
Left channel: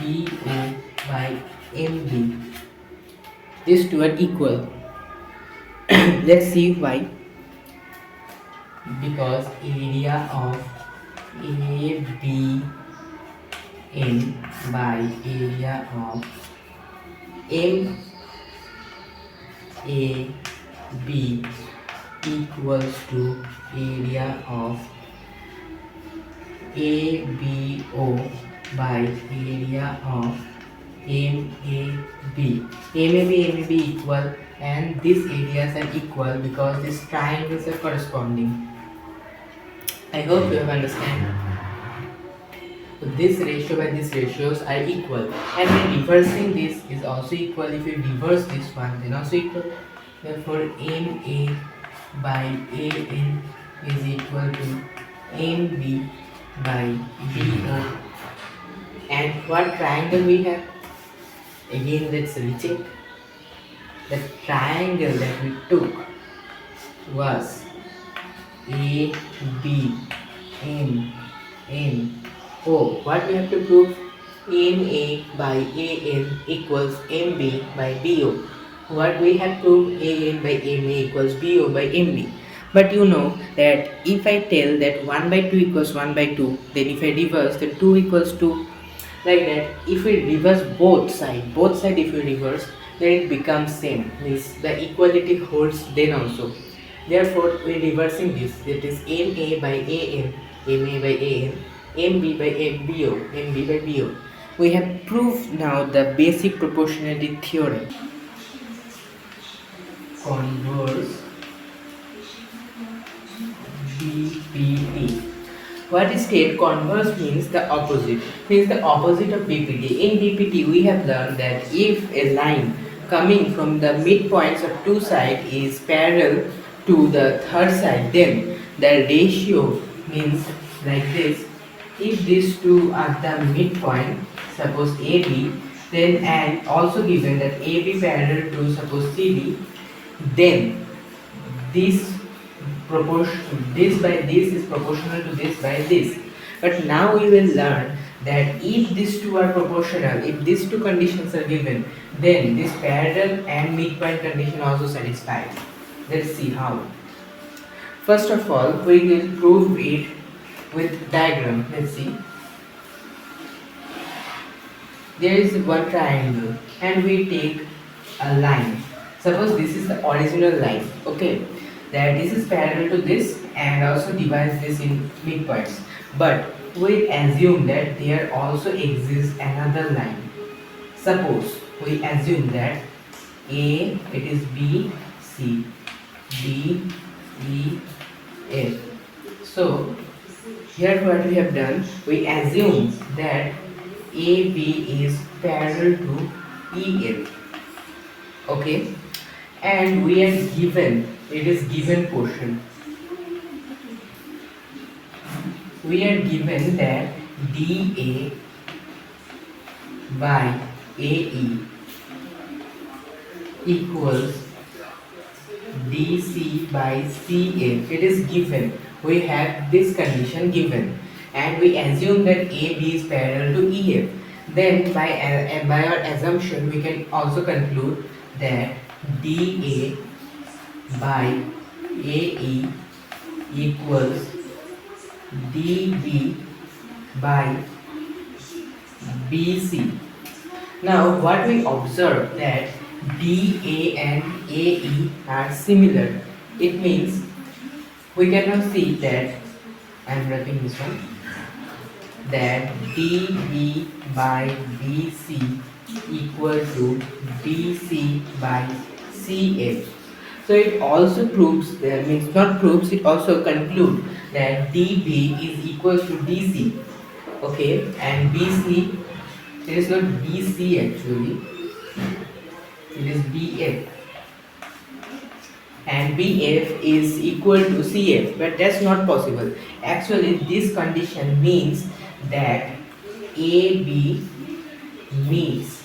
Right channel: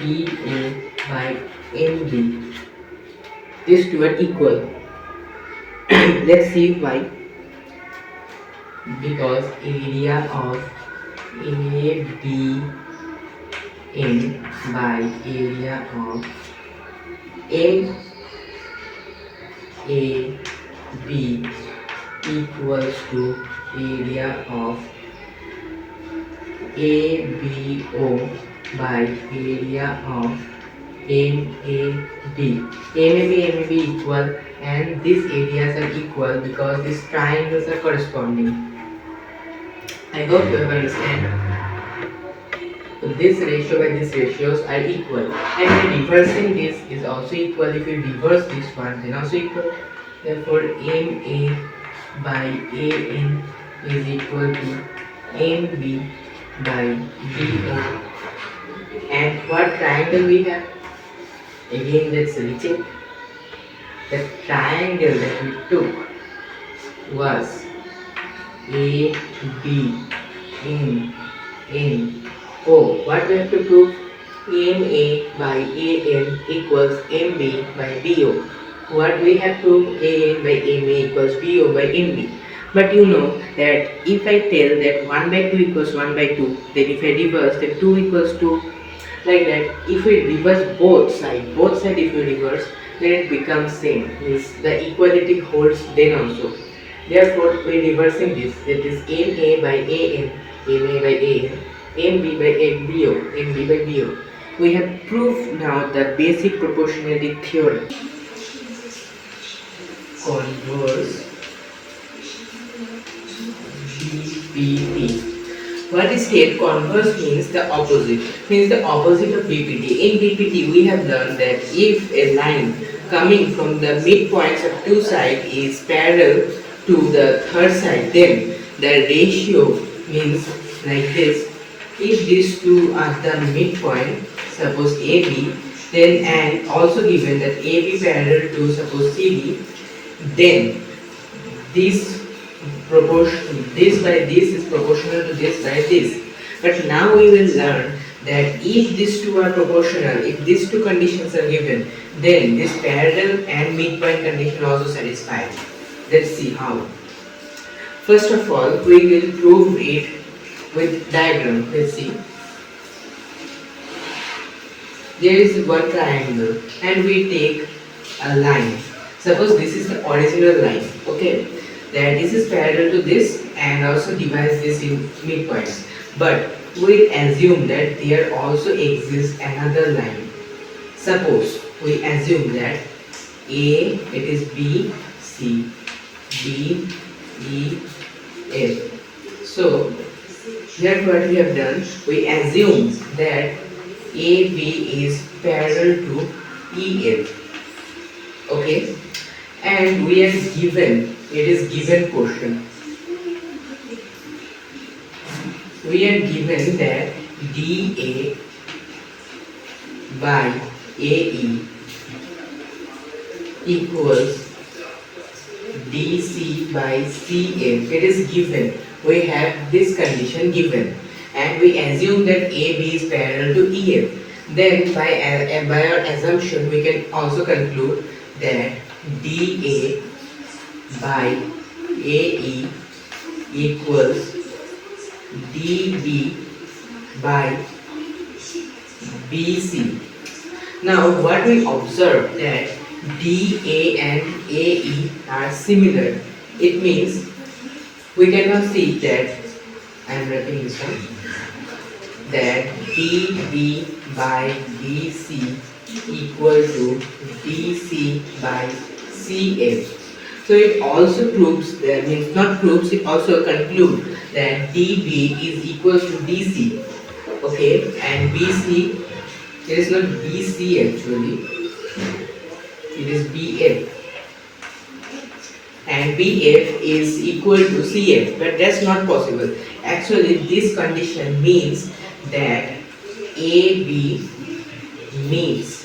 BO by MB. These two are equal. Let's see why. Because area of ABN by area of MAB equals to area of ABO by area of MAB. MAB equal, and these areas are equal because these triangles are corresponding. I hope you have understand. So this ratio by these ratios are equal, and reversing this is also equal. If we reverse this one, then also equal. Therefore MA by AN is equal to MB by BO. And what triangle we have? Again, let's recheck. The triangle that we took was ABNO. What we have to prove? MA by AN equals MB by BO. What we have proved, AN by MA equals BO by MB. But you know that if I tell that 1 by 2 equals 1 by 2, then if I reverse, then 2 equals 2. Like that, if we reverse both side if we reverse, then it becomes same. Means the equality holds then also. Therefore, we reversing this. That is MA by AN, MA by AN, MB by BO, MB by BO. We have proved now the basic proportionality theorem. Converse BPT. What is state? Converse means the opposite. Means the opposite of BPT. In BPT, we have learned that if a line coming from the midpoints of two sides is parallel to the third side, then the ratio means like this. If these two are the midpoint, suppose AB, then and also given that AB parallel to suppose CD, then this proportion, this by this is proportional to this by this. But now we will learn that if these two are proportional, if these two conditions are given, then this parallel and midpoint condition also satisfied. Let's see how. First of all, we will prove it with diagram. Let's see. There is one triangle and we take a line. Suppose this is the original line, okay? That this is parallel to this and also divides this in midpoints. But we assume that there also exists another line. Suppose we assume that A, it is B, C, D, E, F. So here what we have done, we assume that AB is parallel to EF. Okay, and we are given, it is given portion. We are given that DA by AE equals DC by CF. It is given. We have this condition given, and we assume that AB is parallel to EF. Then by our assumption, we can also conclude that DA by AE equals DB by BC. Now what we observe that DA and AE are similar. It means we can now see that I am writing this one, that DB by BC equal to DC by CF. So it also proves, that means not proves, it also concludes that DB is equal to DC. Okay, and BC, it is not BC actually, it is BF. And BF is equal to CF, but that's not possible. Actually, this condition means that AB meets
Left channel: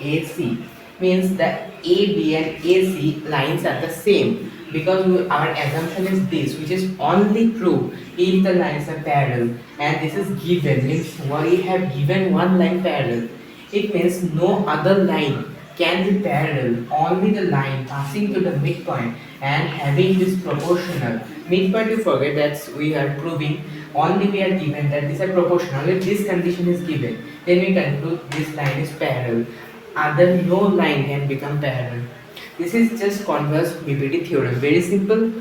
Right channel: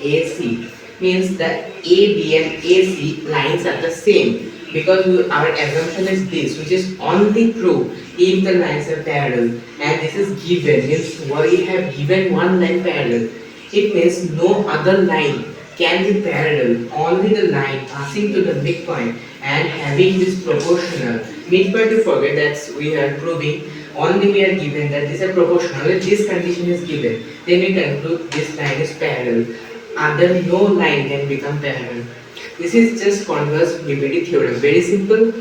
AC, means that AB and AC lines are the same, because our assumption is this, which is only true if the lines are parallel, and this is given, means we have given one line parallel. It means no other line can be parallel, only the line passing to the midpoint and having this proportional. Midpoint, to forget, that we are proving, only we are given that these are proportional. If this condition is given, then we conclude this line is parallel. Other no line can become parallel. This is just converse BPT theorem. Very simple.